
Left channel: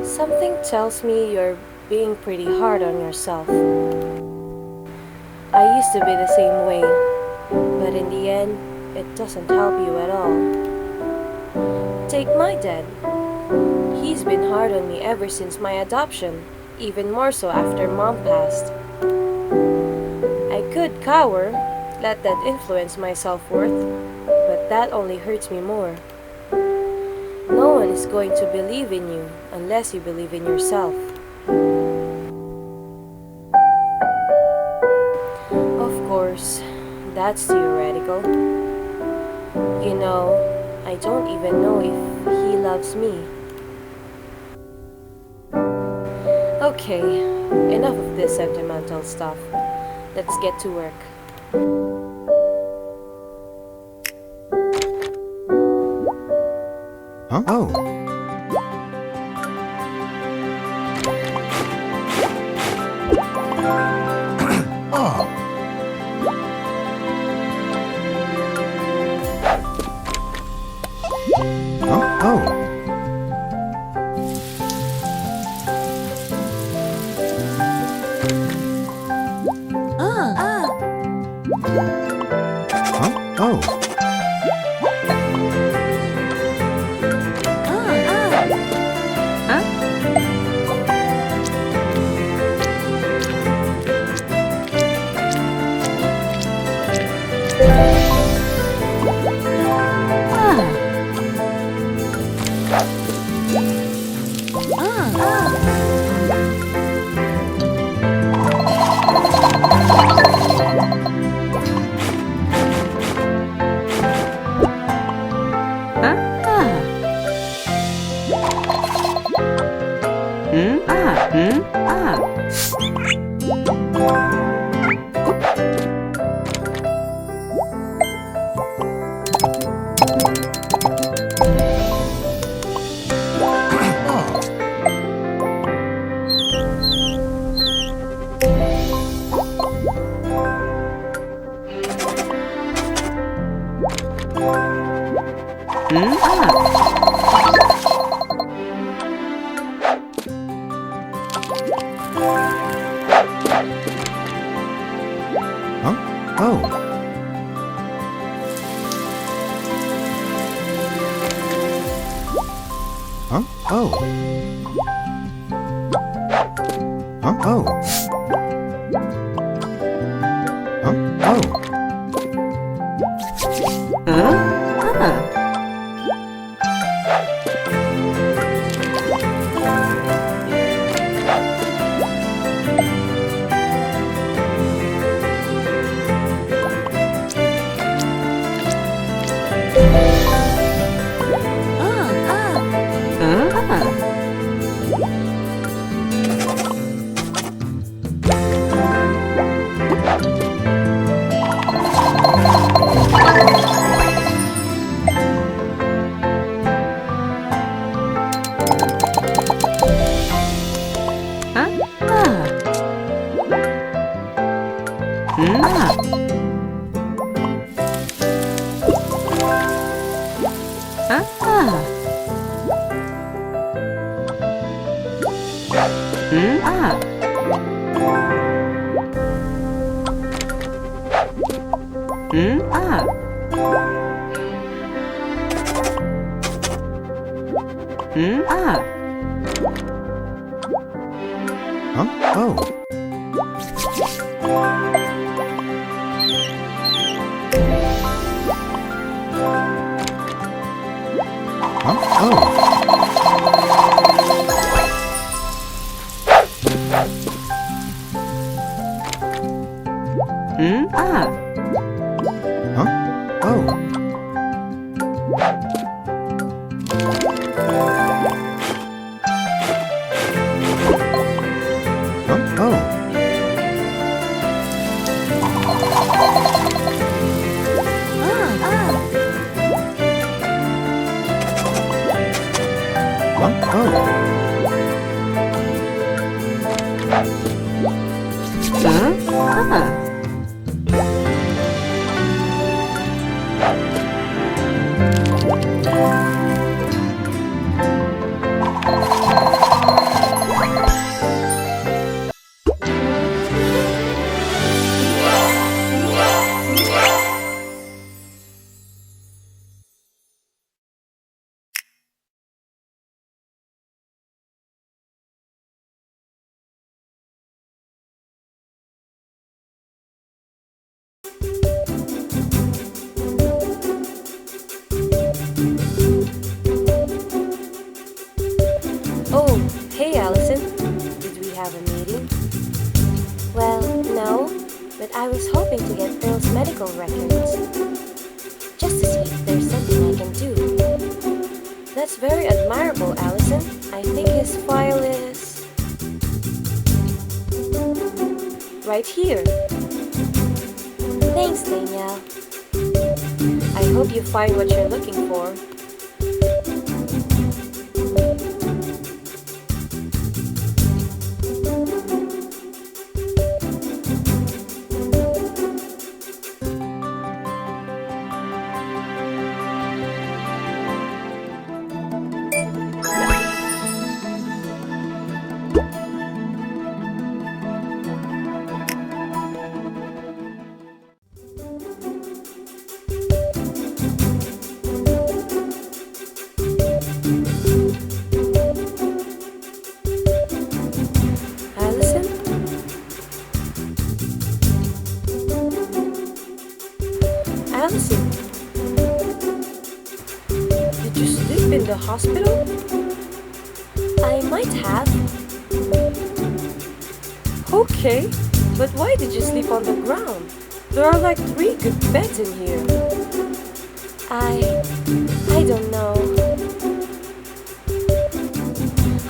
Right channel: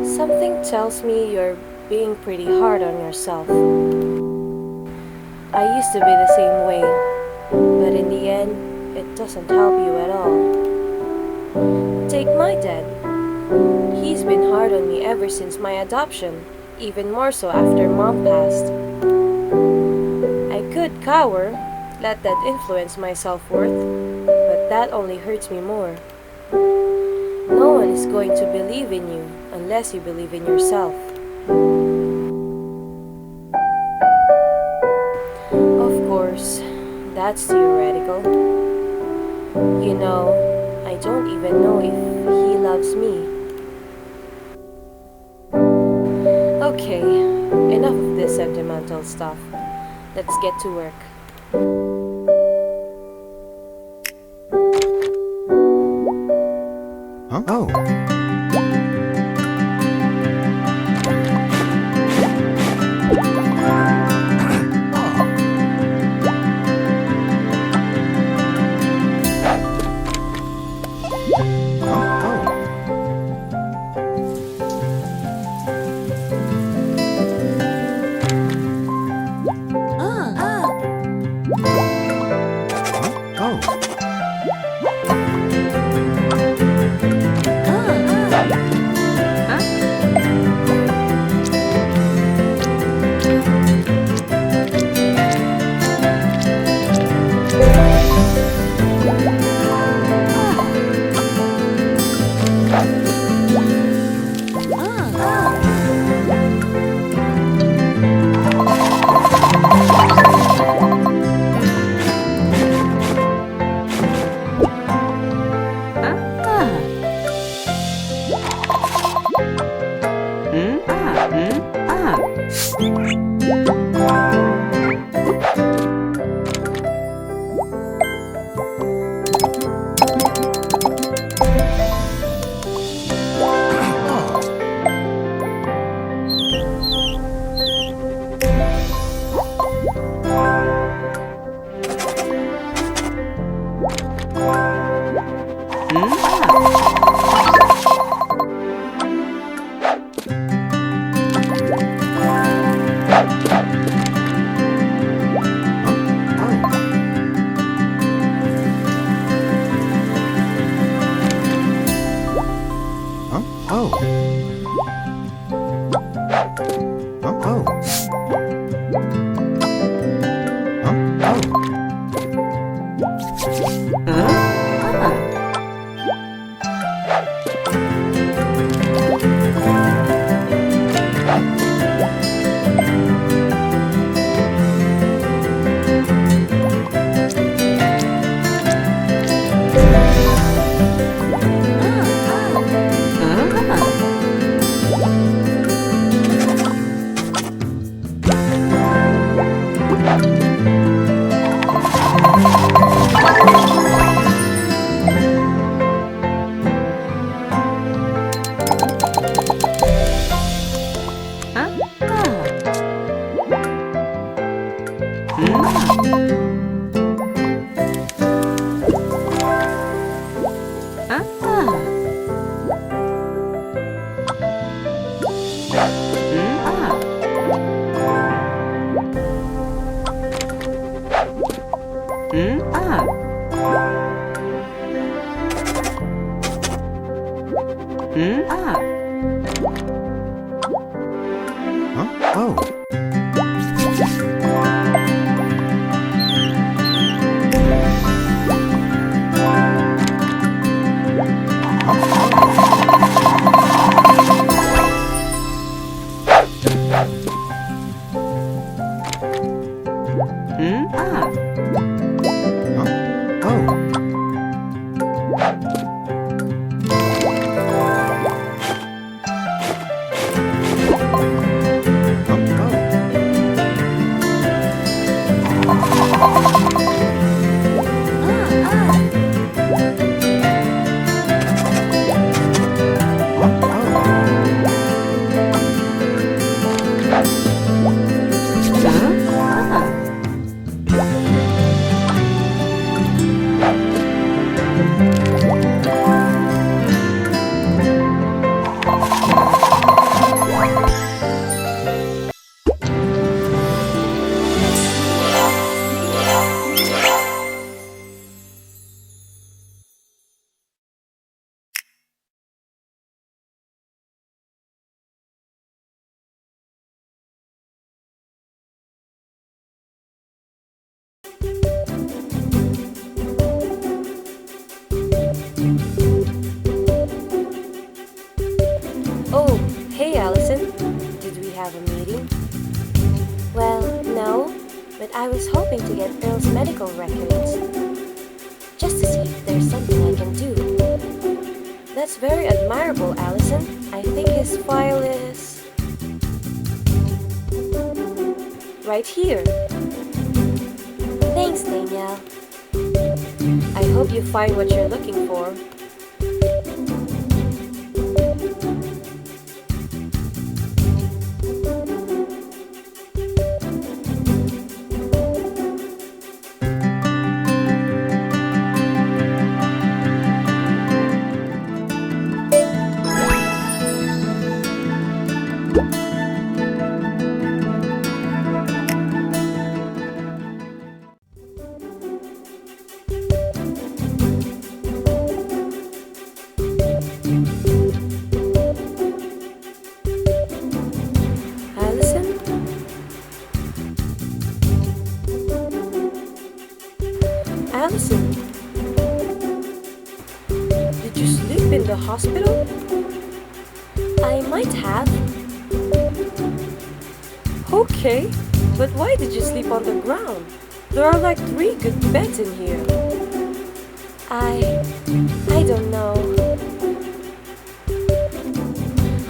Something tells me you're being pretty hard on yourself. I used to be the same way, But in the end, it doesn't help you at all. Take my dad. He's been hard on me ever since my adoption, even more so after mom passed. I could cower, let that influence my self-worth, but that only hurts me more. No one is going to believe in you unless you believe in yourself. Of course, that's theoretical. You know, I don't even know if he loves me. Okay, enough of this sentimental stuff. Let's get to work. Huh? Oh. Oh. Huh? Oh. Huh? Oh. a meeting? Well, no, but I was hoping to get Earl's medical records. Just to see if there's something I can do. That's very admirable, Allison. I think his file is... right here. Thanks, Danielle. I hope you find what you're looking for. Allison? Allison? Did you sleep in the hospital? I might have. Okay, but why did you sleep on the ground? There are like 3 good beds in here. I don't know.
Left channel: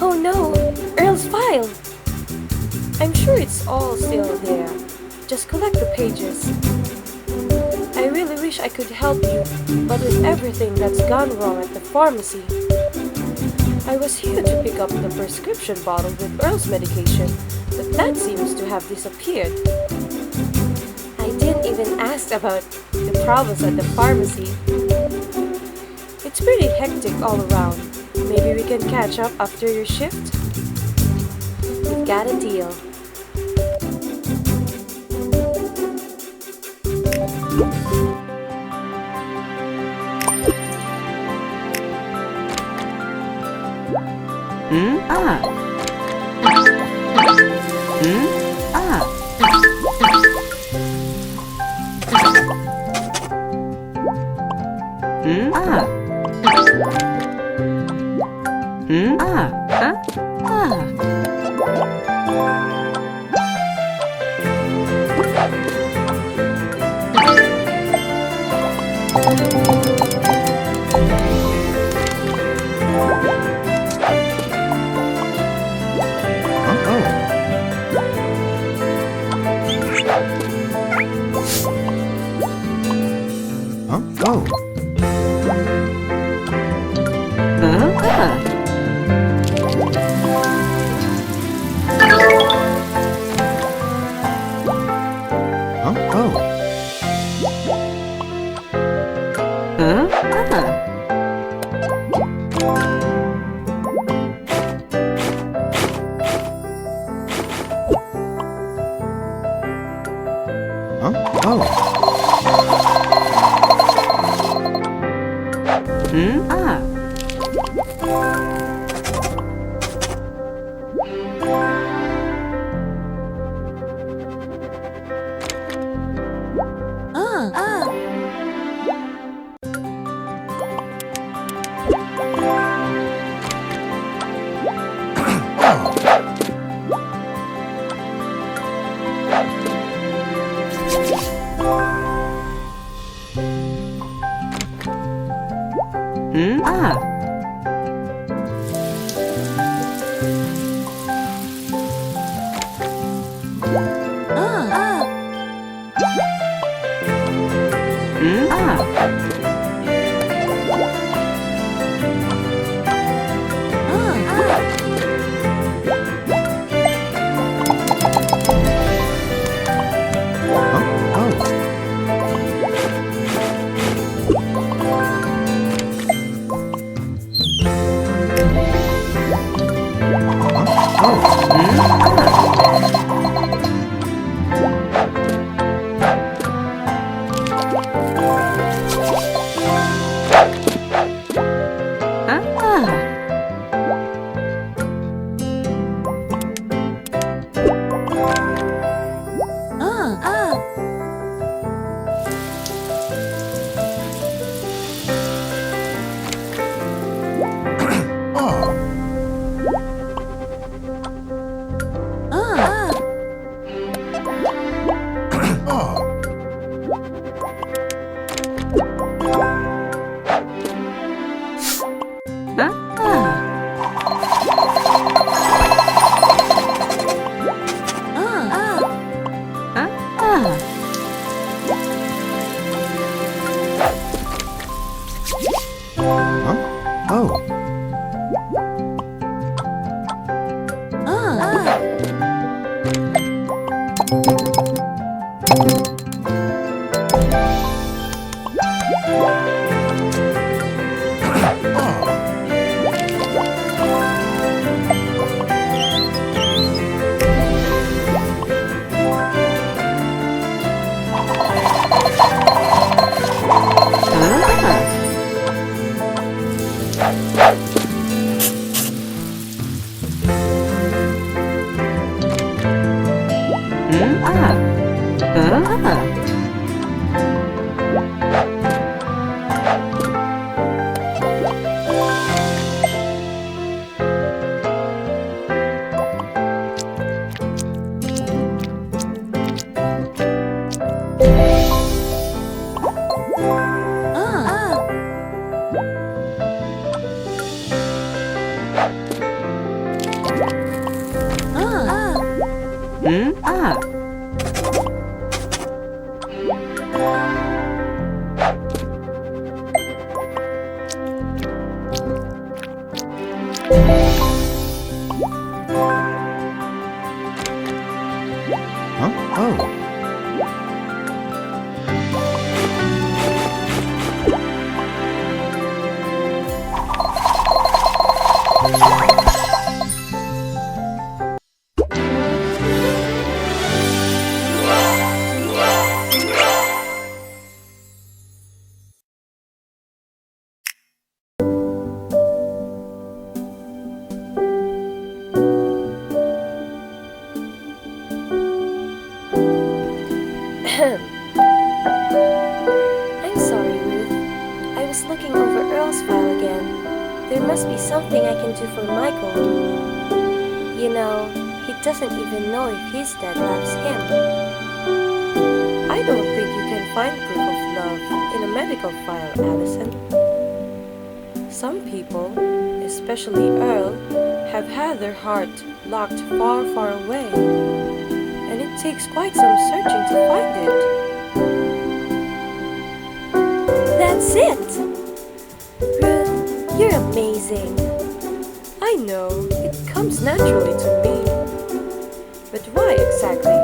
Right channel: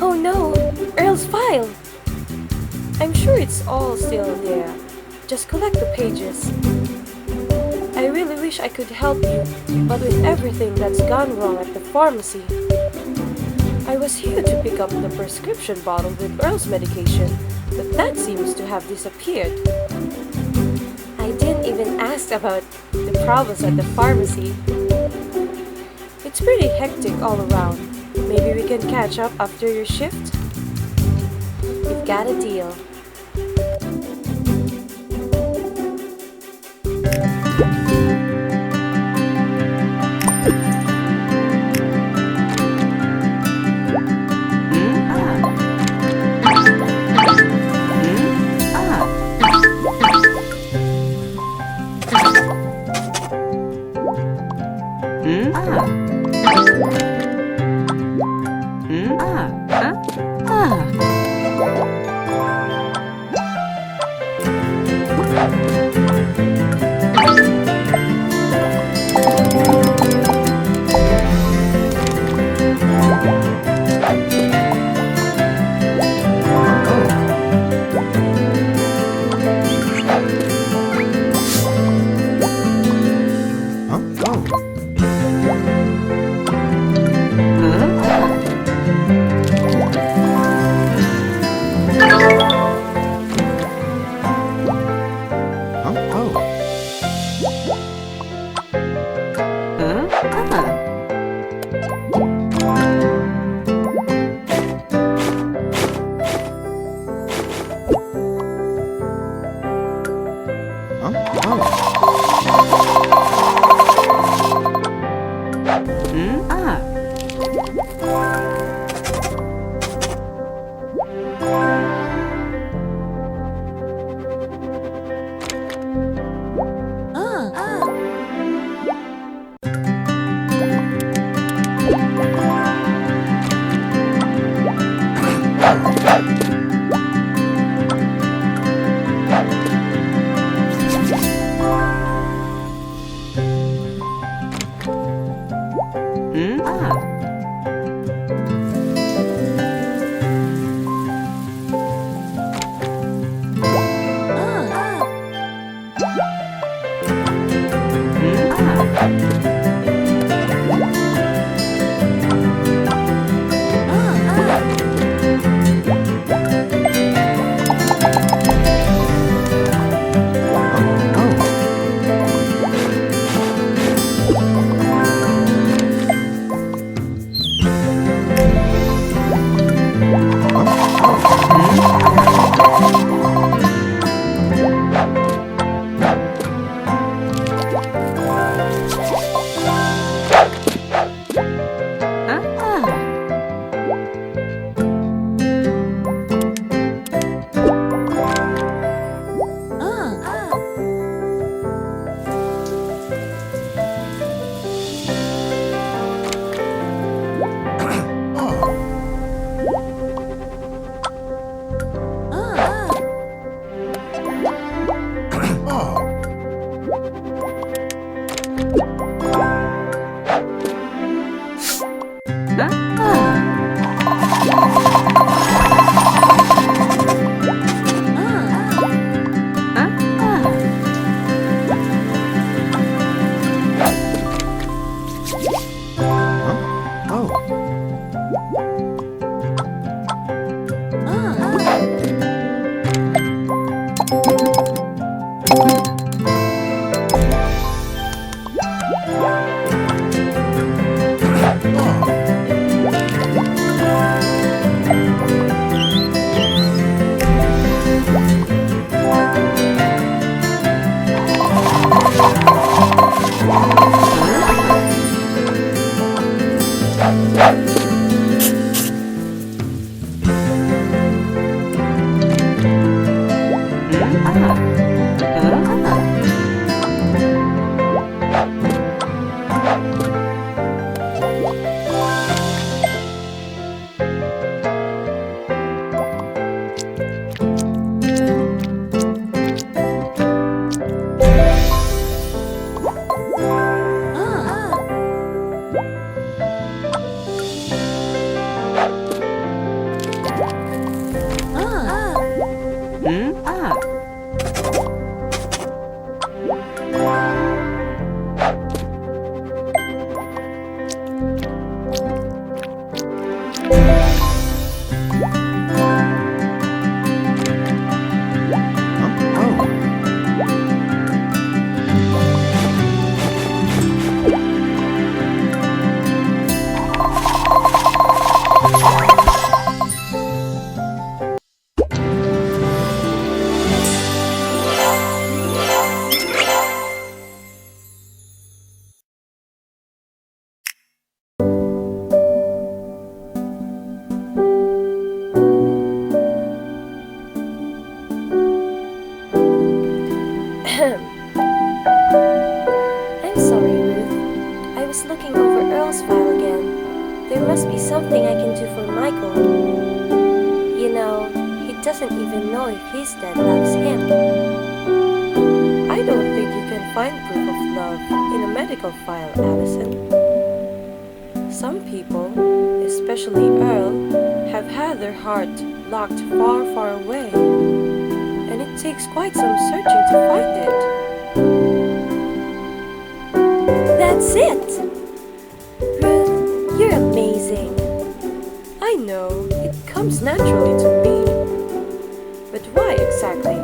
Oh no, Earl's file! I'm sure it's all still there. Just collect the pages. I really wish I could help you, but with everything that's gone wrong at the pharmacy, I was here to pick up the prescription bottle with Earl's medication, but that seems to have disappeared. I didn't even ask about the problems at the pharmacy. It's pretty hectic all around. Maybe we can catch up after your shift? You've got a deal. Huh? Oh. Huh? Oh. I'm sorry, Ruth. I was looking over Earl's file again. There must be something I can do for Michael. You know, he doesn't even know if his dad loves him. I don't think you can find proof of love in a medical file, Allison. Some people, especially Earl, have had their heart locked far, far away. And it takes quite some searching to find it. That's it! Ruth, you're amazing. I know, it comes naturally to me. But why exactly?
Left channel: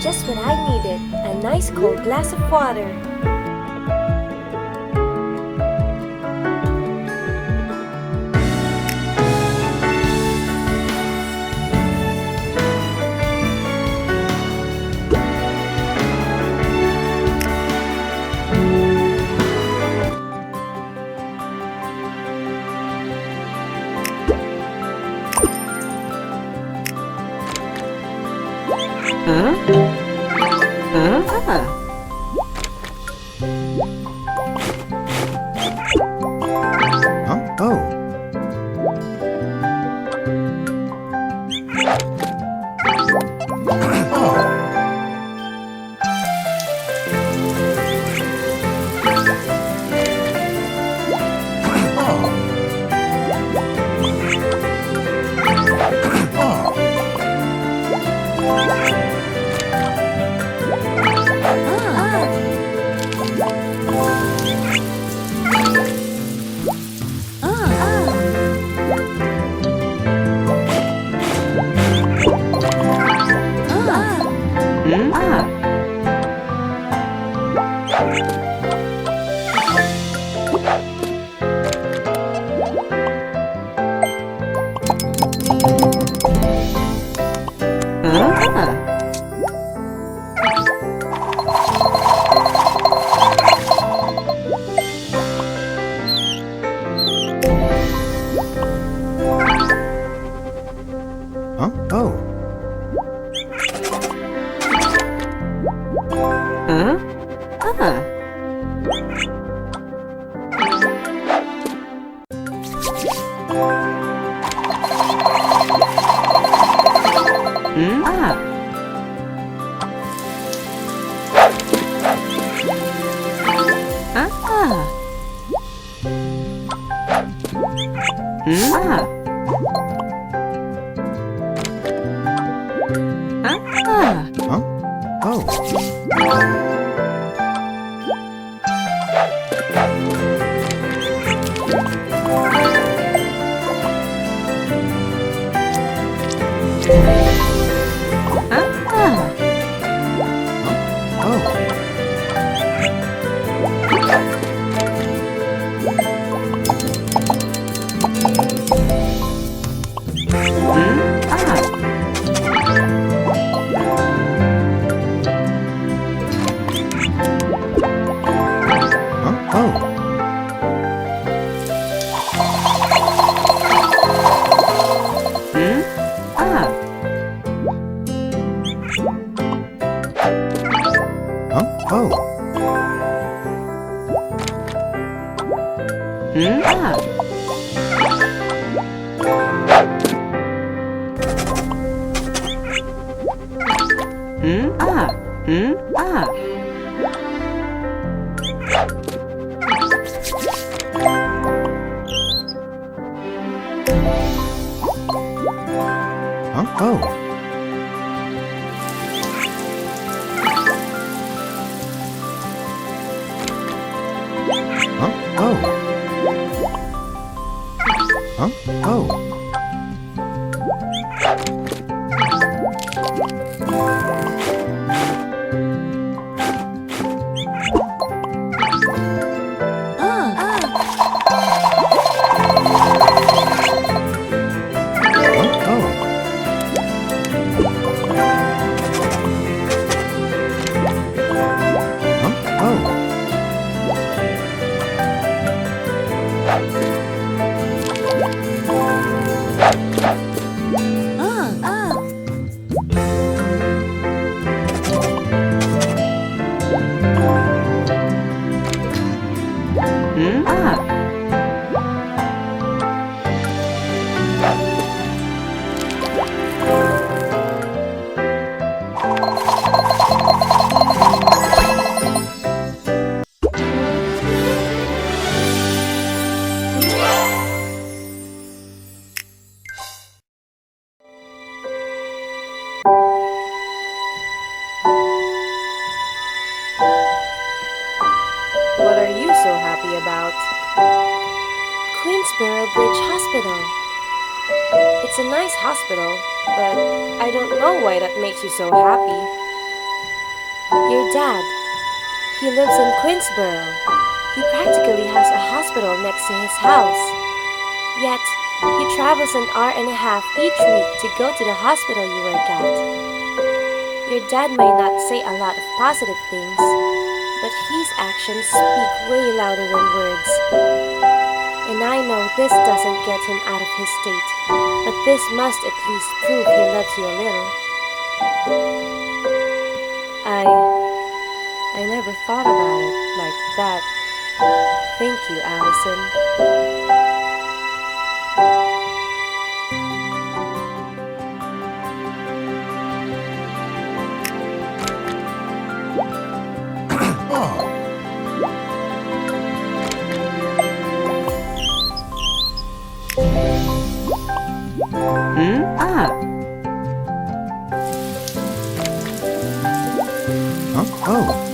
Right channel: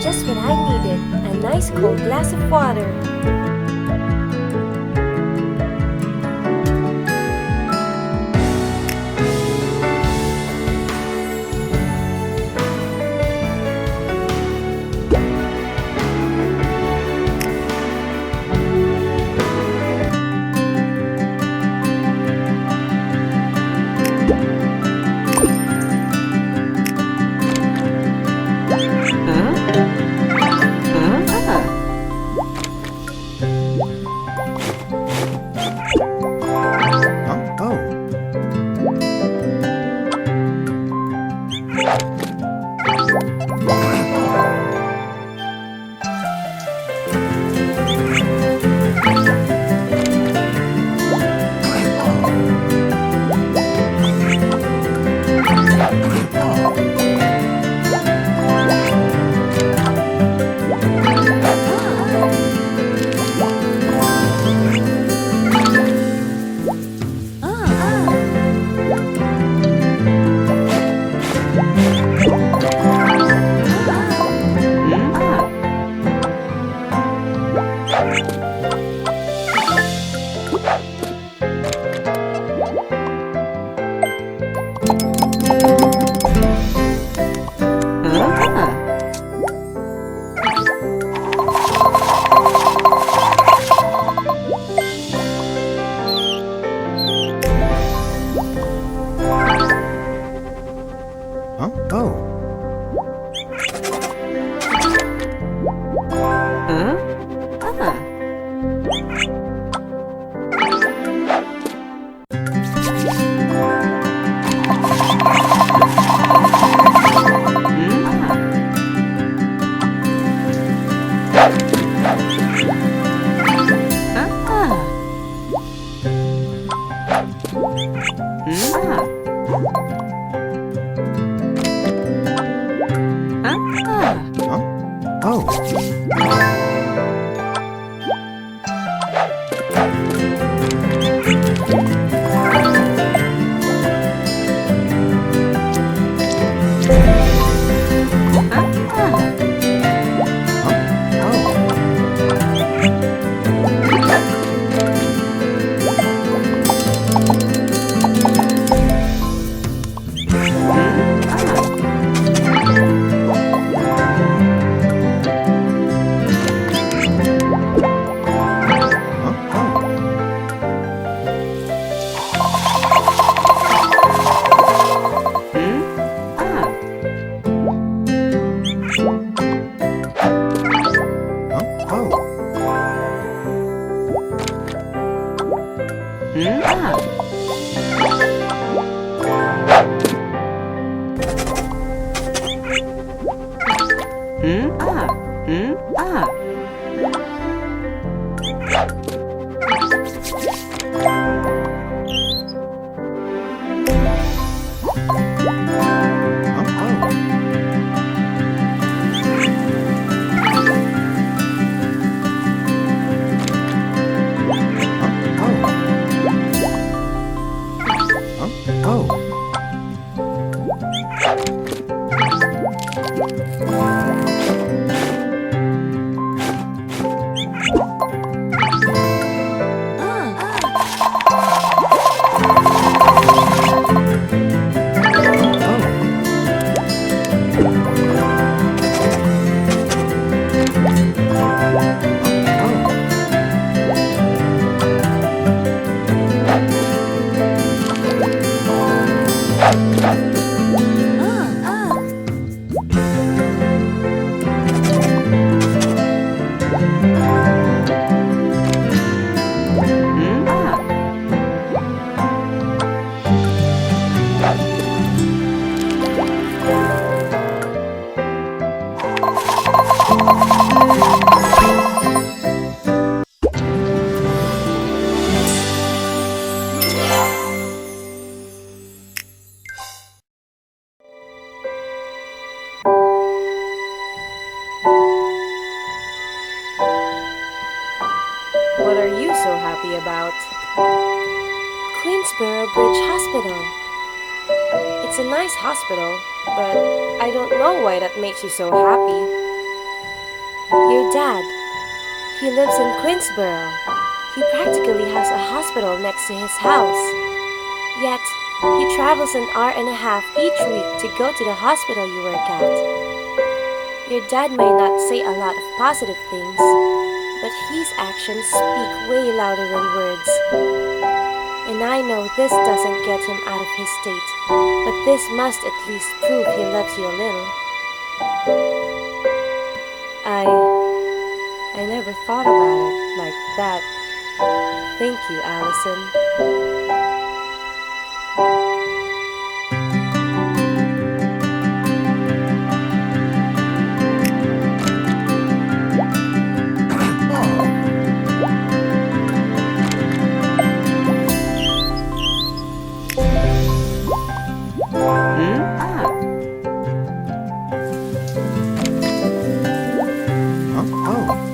Just what I needed, a nice cold glass of water. Huh? Oh. Huh? Oh. Huh? Oh. Huh? Oh. Huh? Oh. Huh? Oh. Huh? Oh. Huh? Oh. Huh? Oh. Huh? Oh. Huh? Oh. What are you so happy about? Queensboro Bridge Hospital. It's a nice hospital, but I don't know why that makes you so happy. Your dad, he lives in Queensboro. He practically has a hospital next to his house. Yet, he travels an hour and a half each week to go to the hospital you work at. Your dad may not say a lot of positive things, but his actions speak way louder than words. And I know this doesn't get him out of his state, but this must at least prove he loves you a little. I never thought about it like that. Thank you, Allison. Huh? Oh.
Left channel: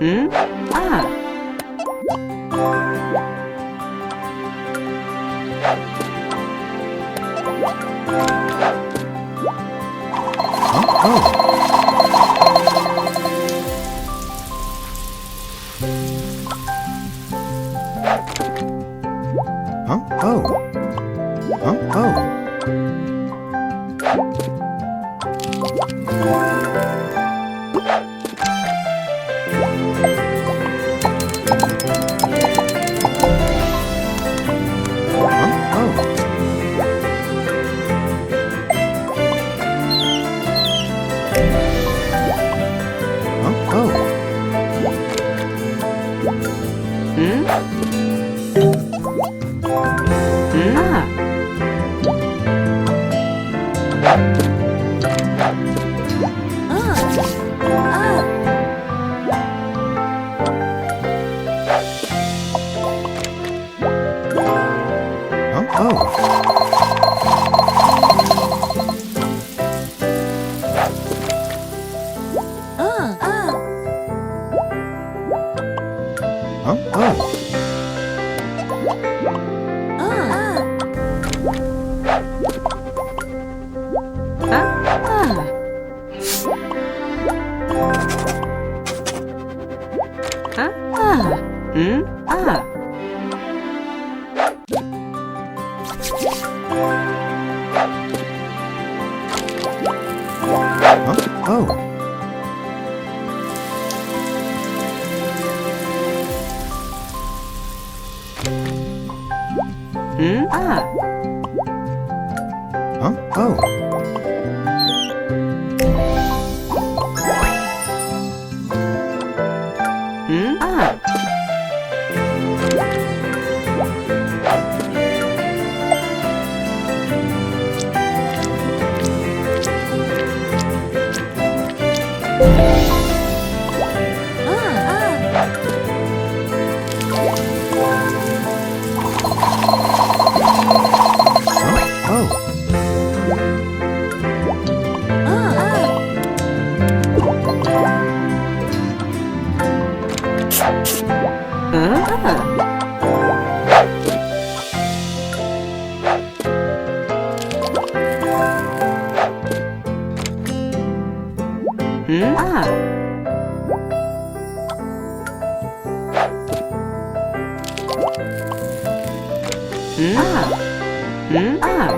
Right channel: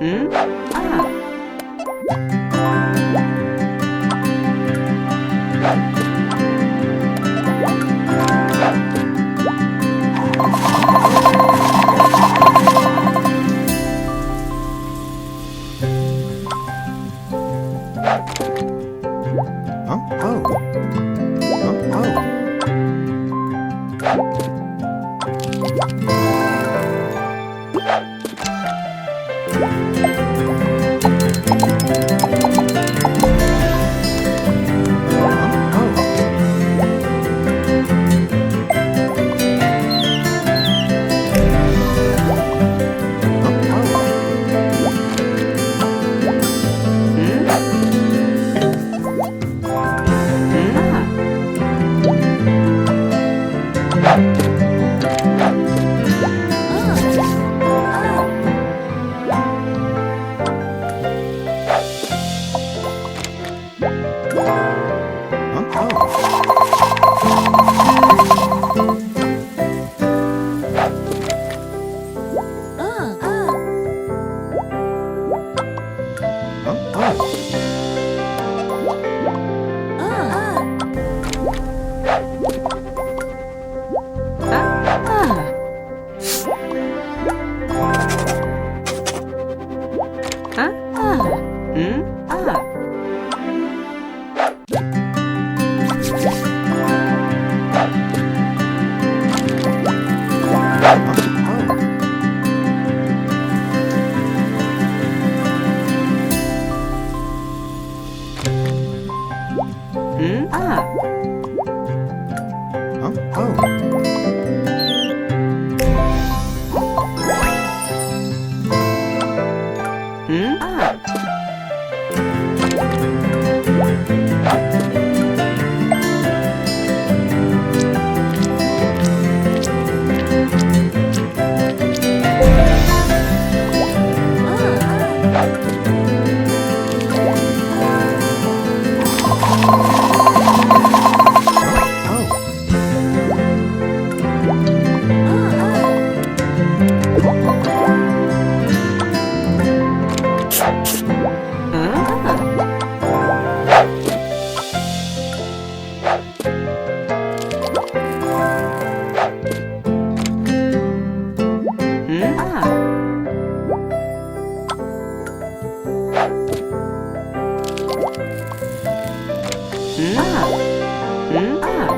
Ah. Huh? Oh. Huh? Oh. Huh? Oh. Huh? Oh. Ah. Huh? Oh. Huh? Oh. Ah. Ah. Ah. Huh? Oh. Ah. Huh? Oh. Ah. Huh? Oh. Ah. Ah. Ah. Ah.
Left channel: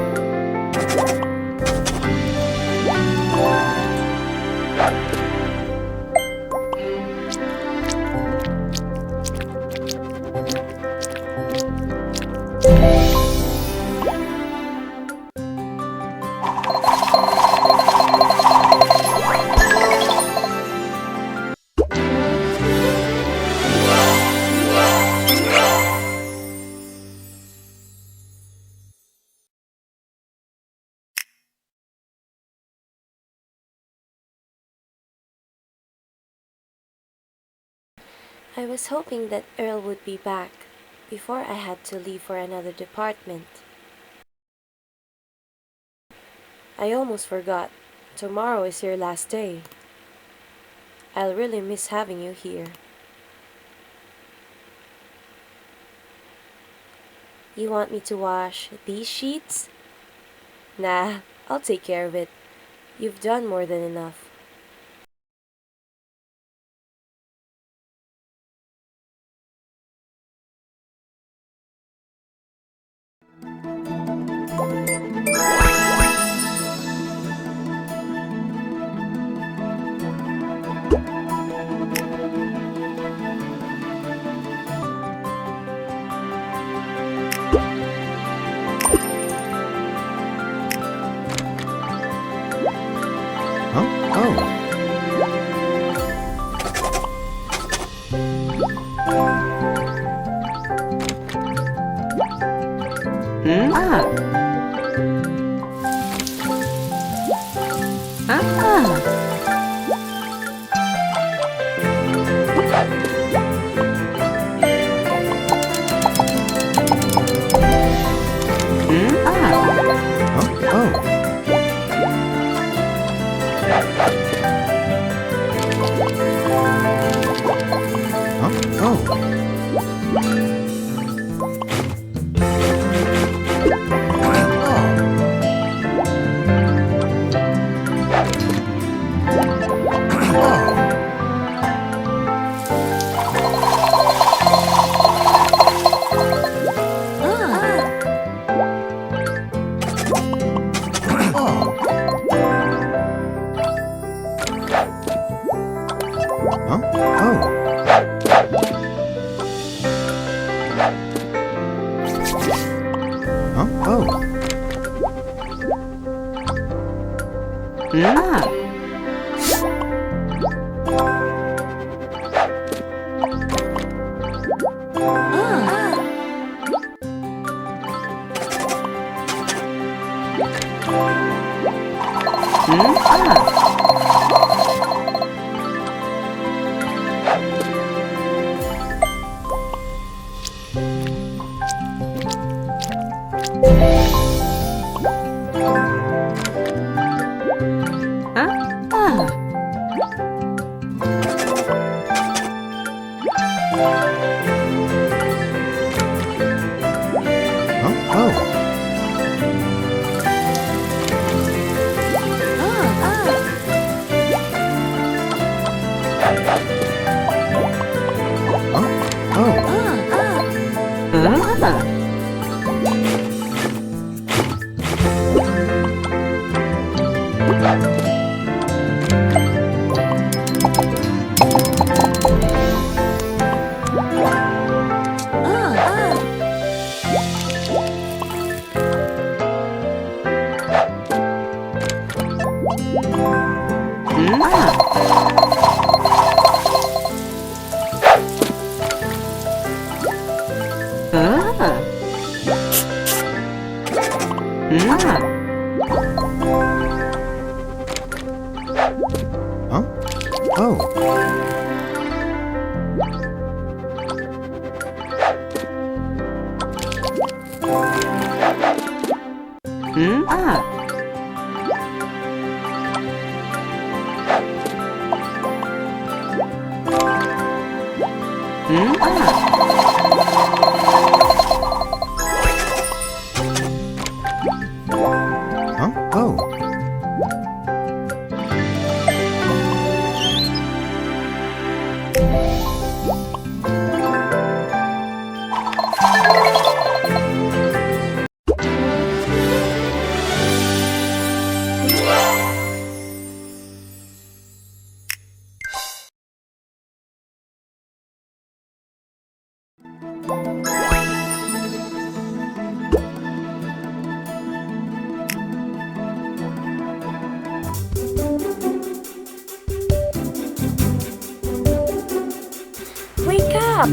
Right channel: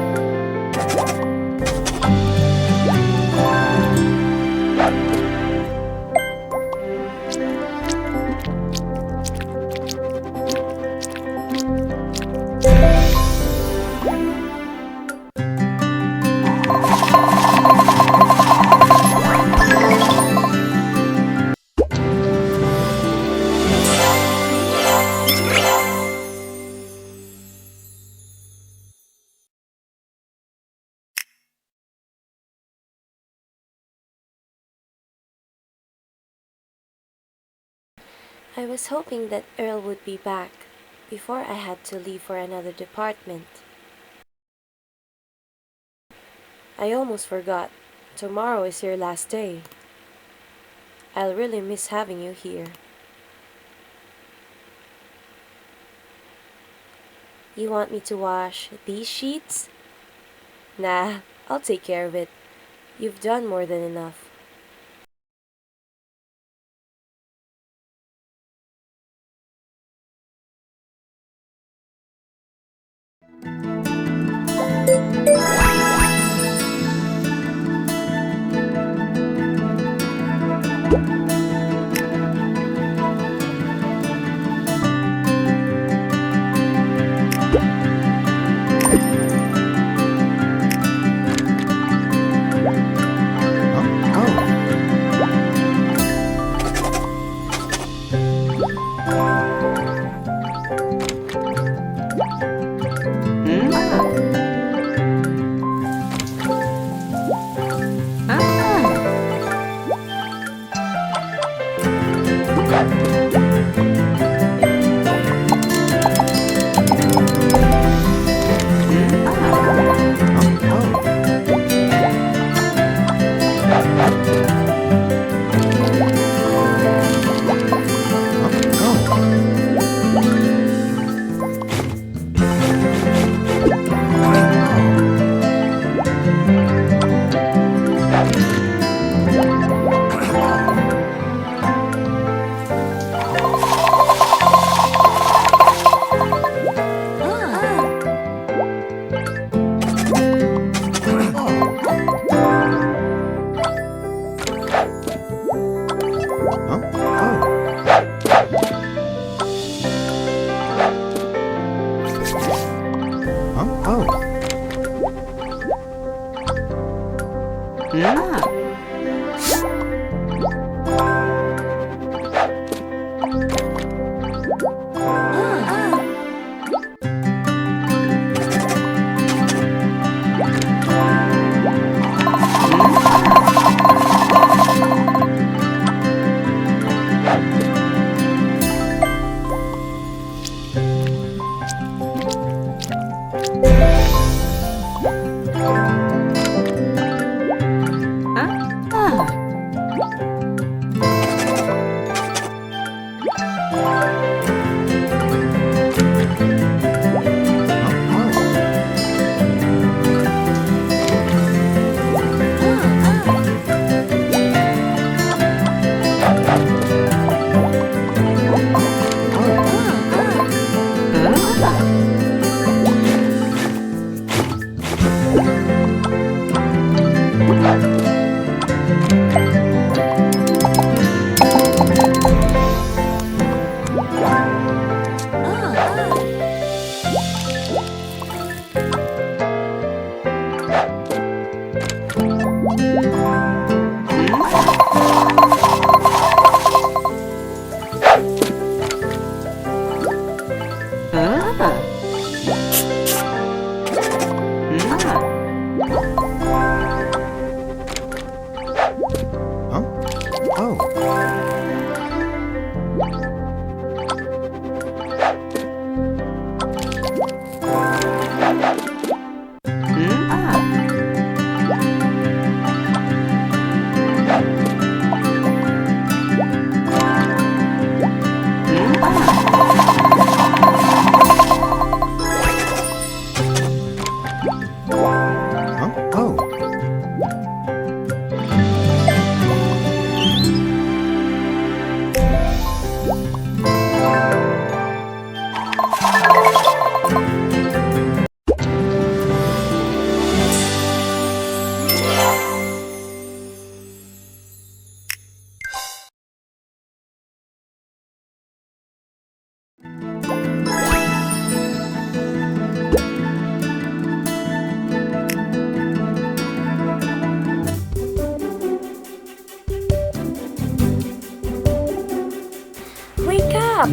I was hoping that Earl would be back before I had to leave for another department. I almost forgot. Tomorrow is your last day. I'll really miss having you here. You want me to wash these sheets? Nah, I'll take care of it. You've done more than enough. Huh? Oh. Ah. Ah. Huh? Oh. Huh? Oh. Huh? Oh. Ah. Huh? Oh. Oh. Huh? Oh. Huh? Oh. Wake up!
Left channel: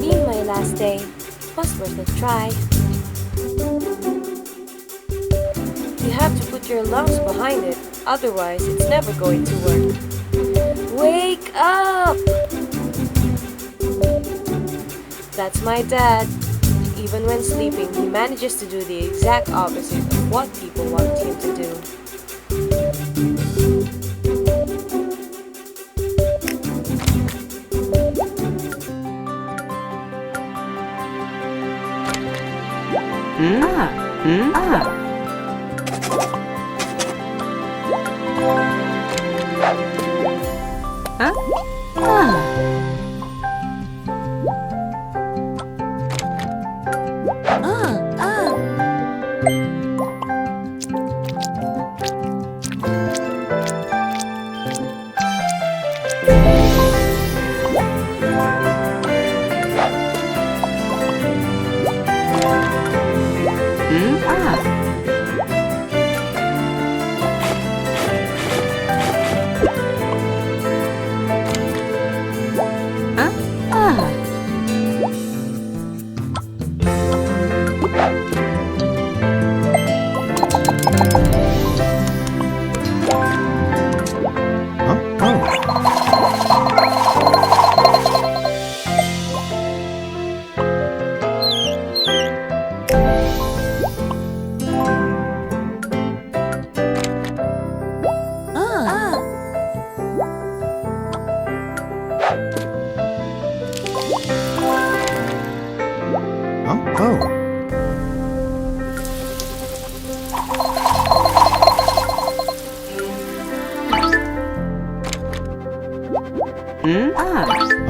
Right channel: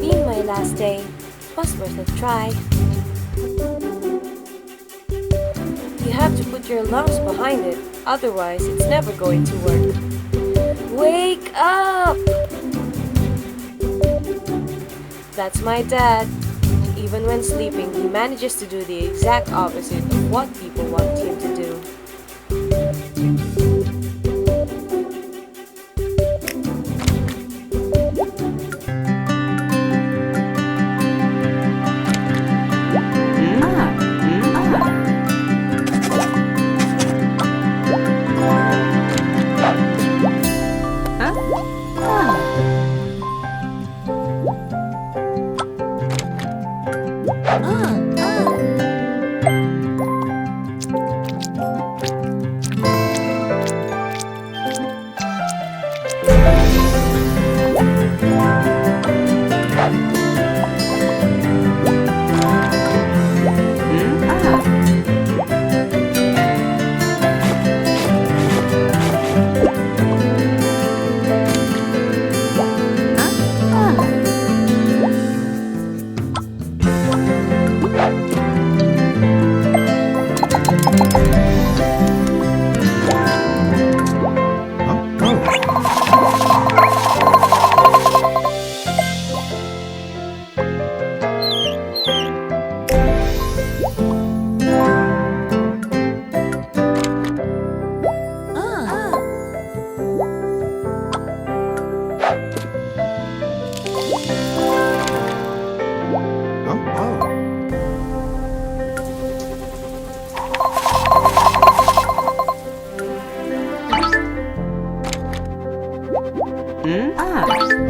Being my last day was worth a try. You have to put your lungs behind it, otherwise it's never going to work. Wake up! That's my dad. Even when sleeping, he manages to do the exact opposite of what people want him to do. Huh? Oh. Huh? Oh.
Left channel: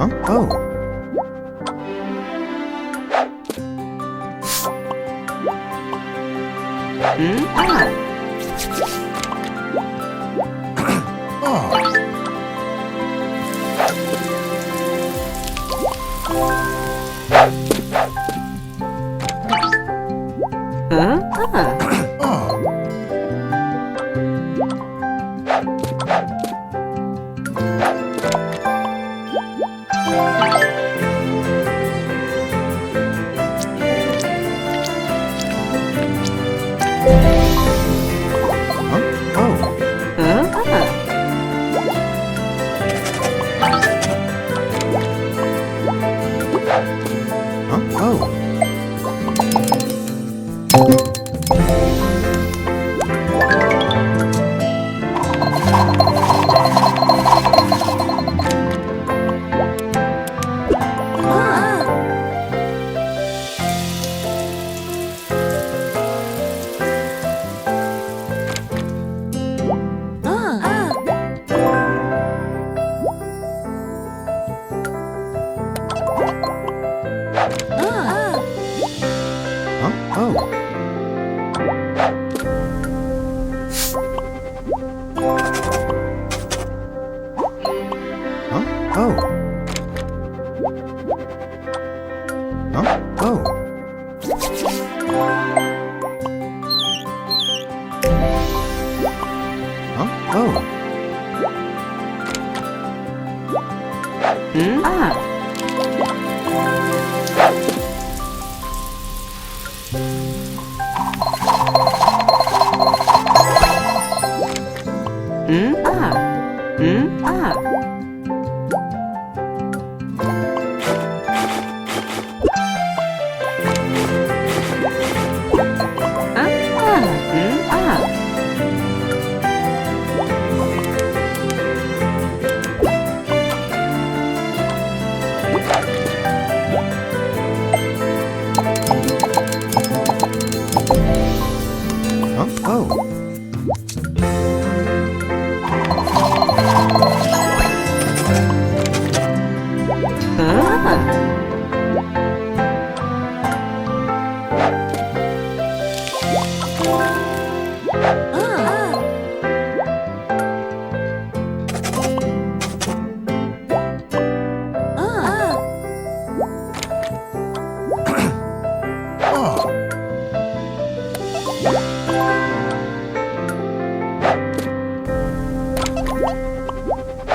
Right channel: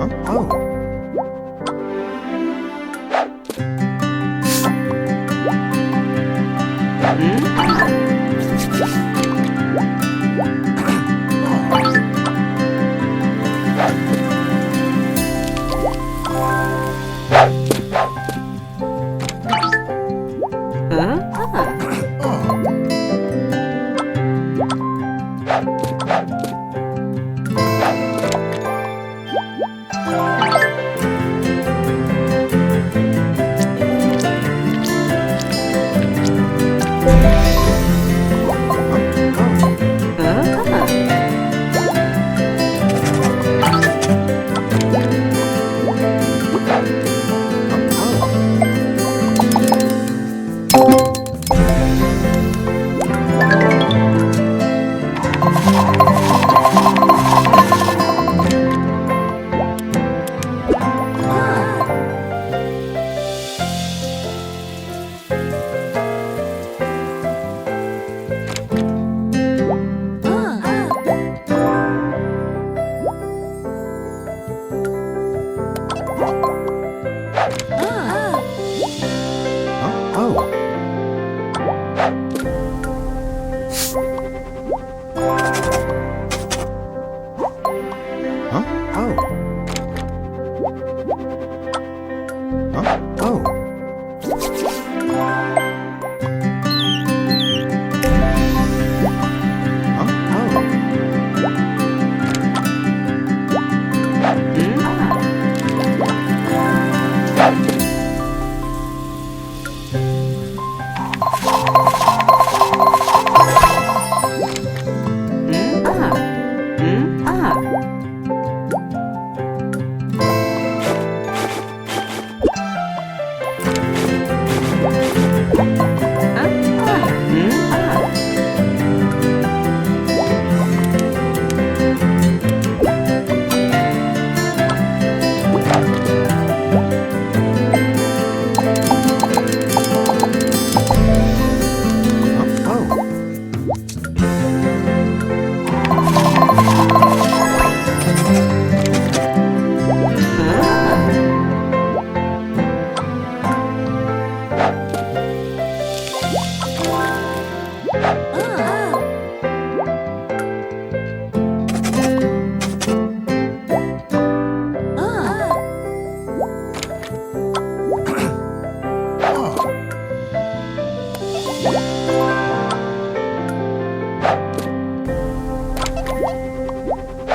Huh? Oh. Oh. Huh? Oh. Huh? Oh. Huh? Oh.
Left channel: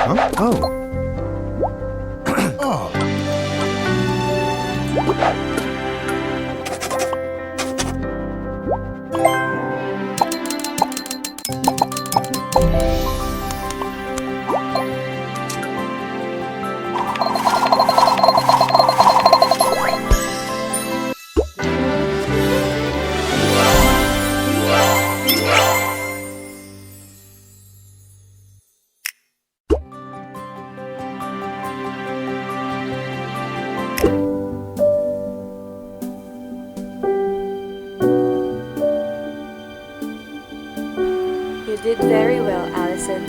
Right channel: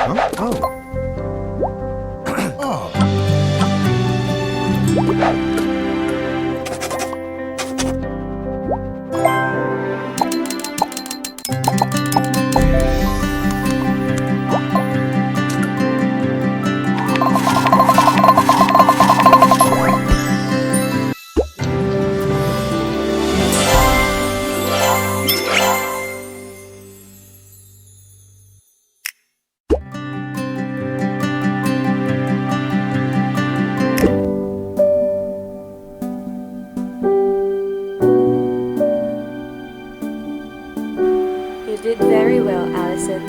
Huh? Oh. Oh. You did very well, Allison.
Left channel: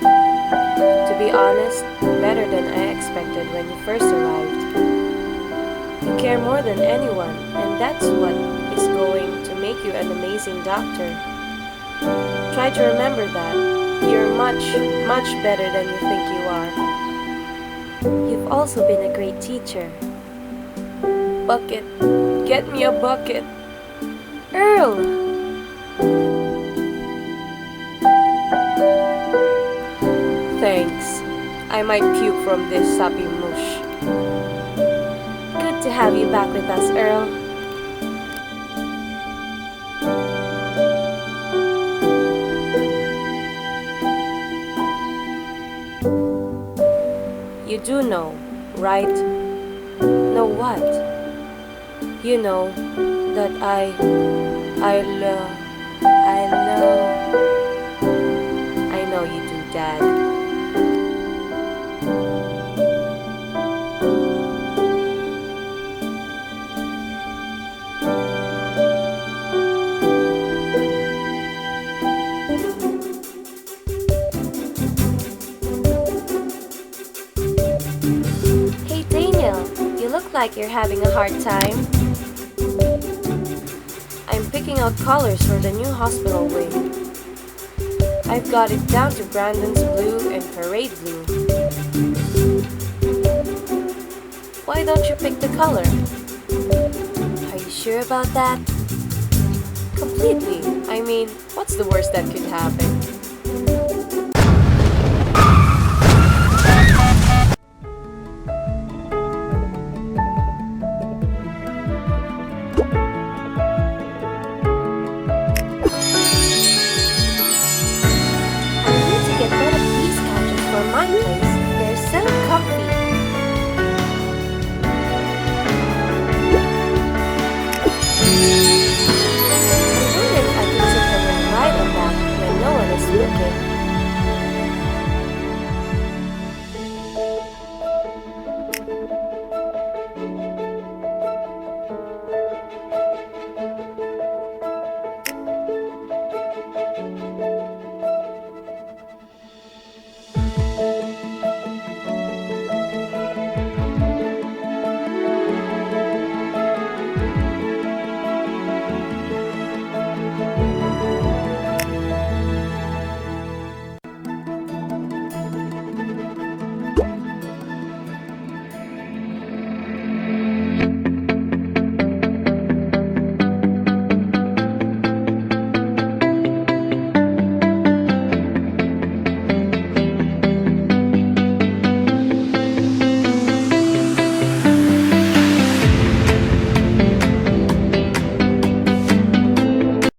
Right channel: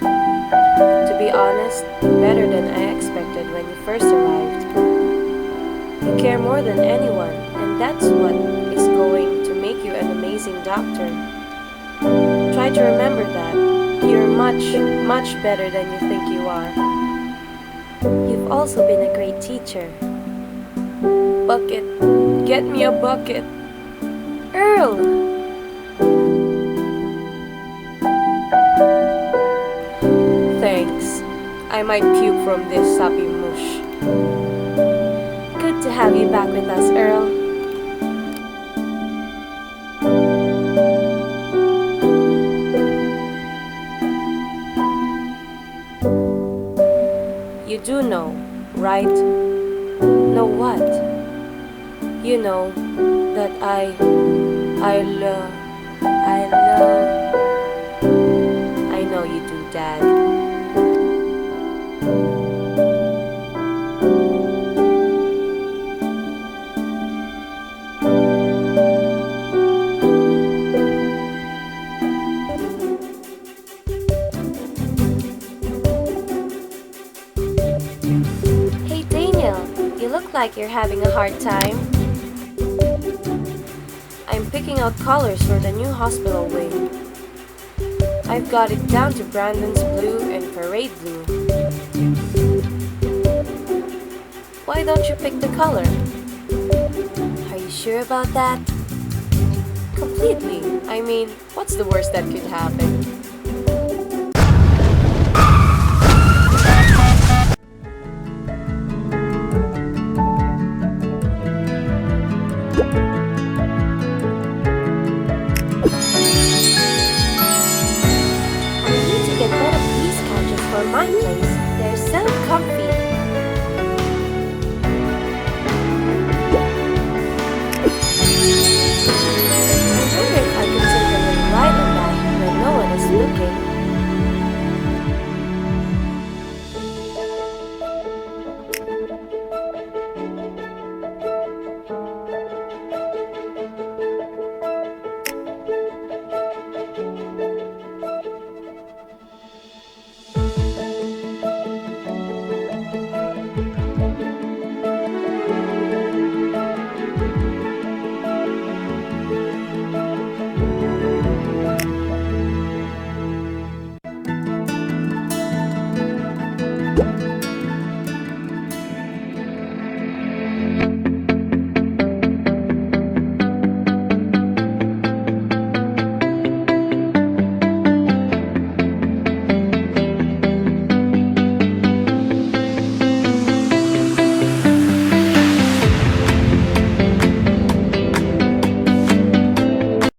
To be honest, better than I expected when you first arrived. You care more than anyone, and that's what is going to make you an amazing doctor. Try to remember that. You're much, much better than you think you are. You've also been a great teacher. Bucket. Get me a bucket. Earl! Thanks. I might puke from this sappy mush. Good to have you back with us, Earl. You do know, right? Know what? You know that I love. I know you do, Dad. Hey Daniel, you look like you're having a hard time. I'm picking out colors for the new hospital wing. I've got it down to Brandon's blue and parade blue. Why don't you pick the color? Are you sure about that? Completely. I mean, what's the worst that could happen? Get rid of these couches for my place. They're so comfy. I wonder if I could take a little ride on that when no one is looking.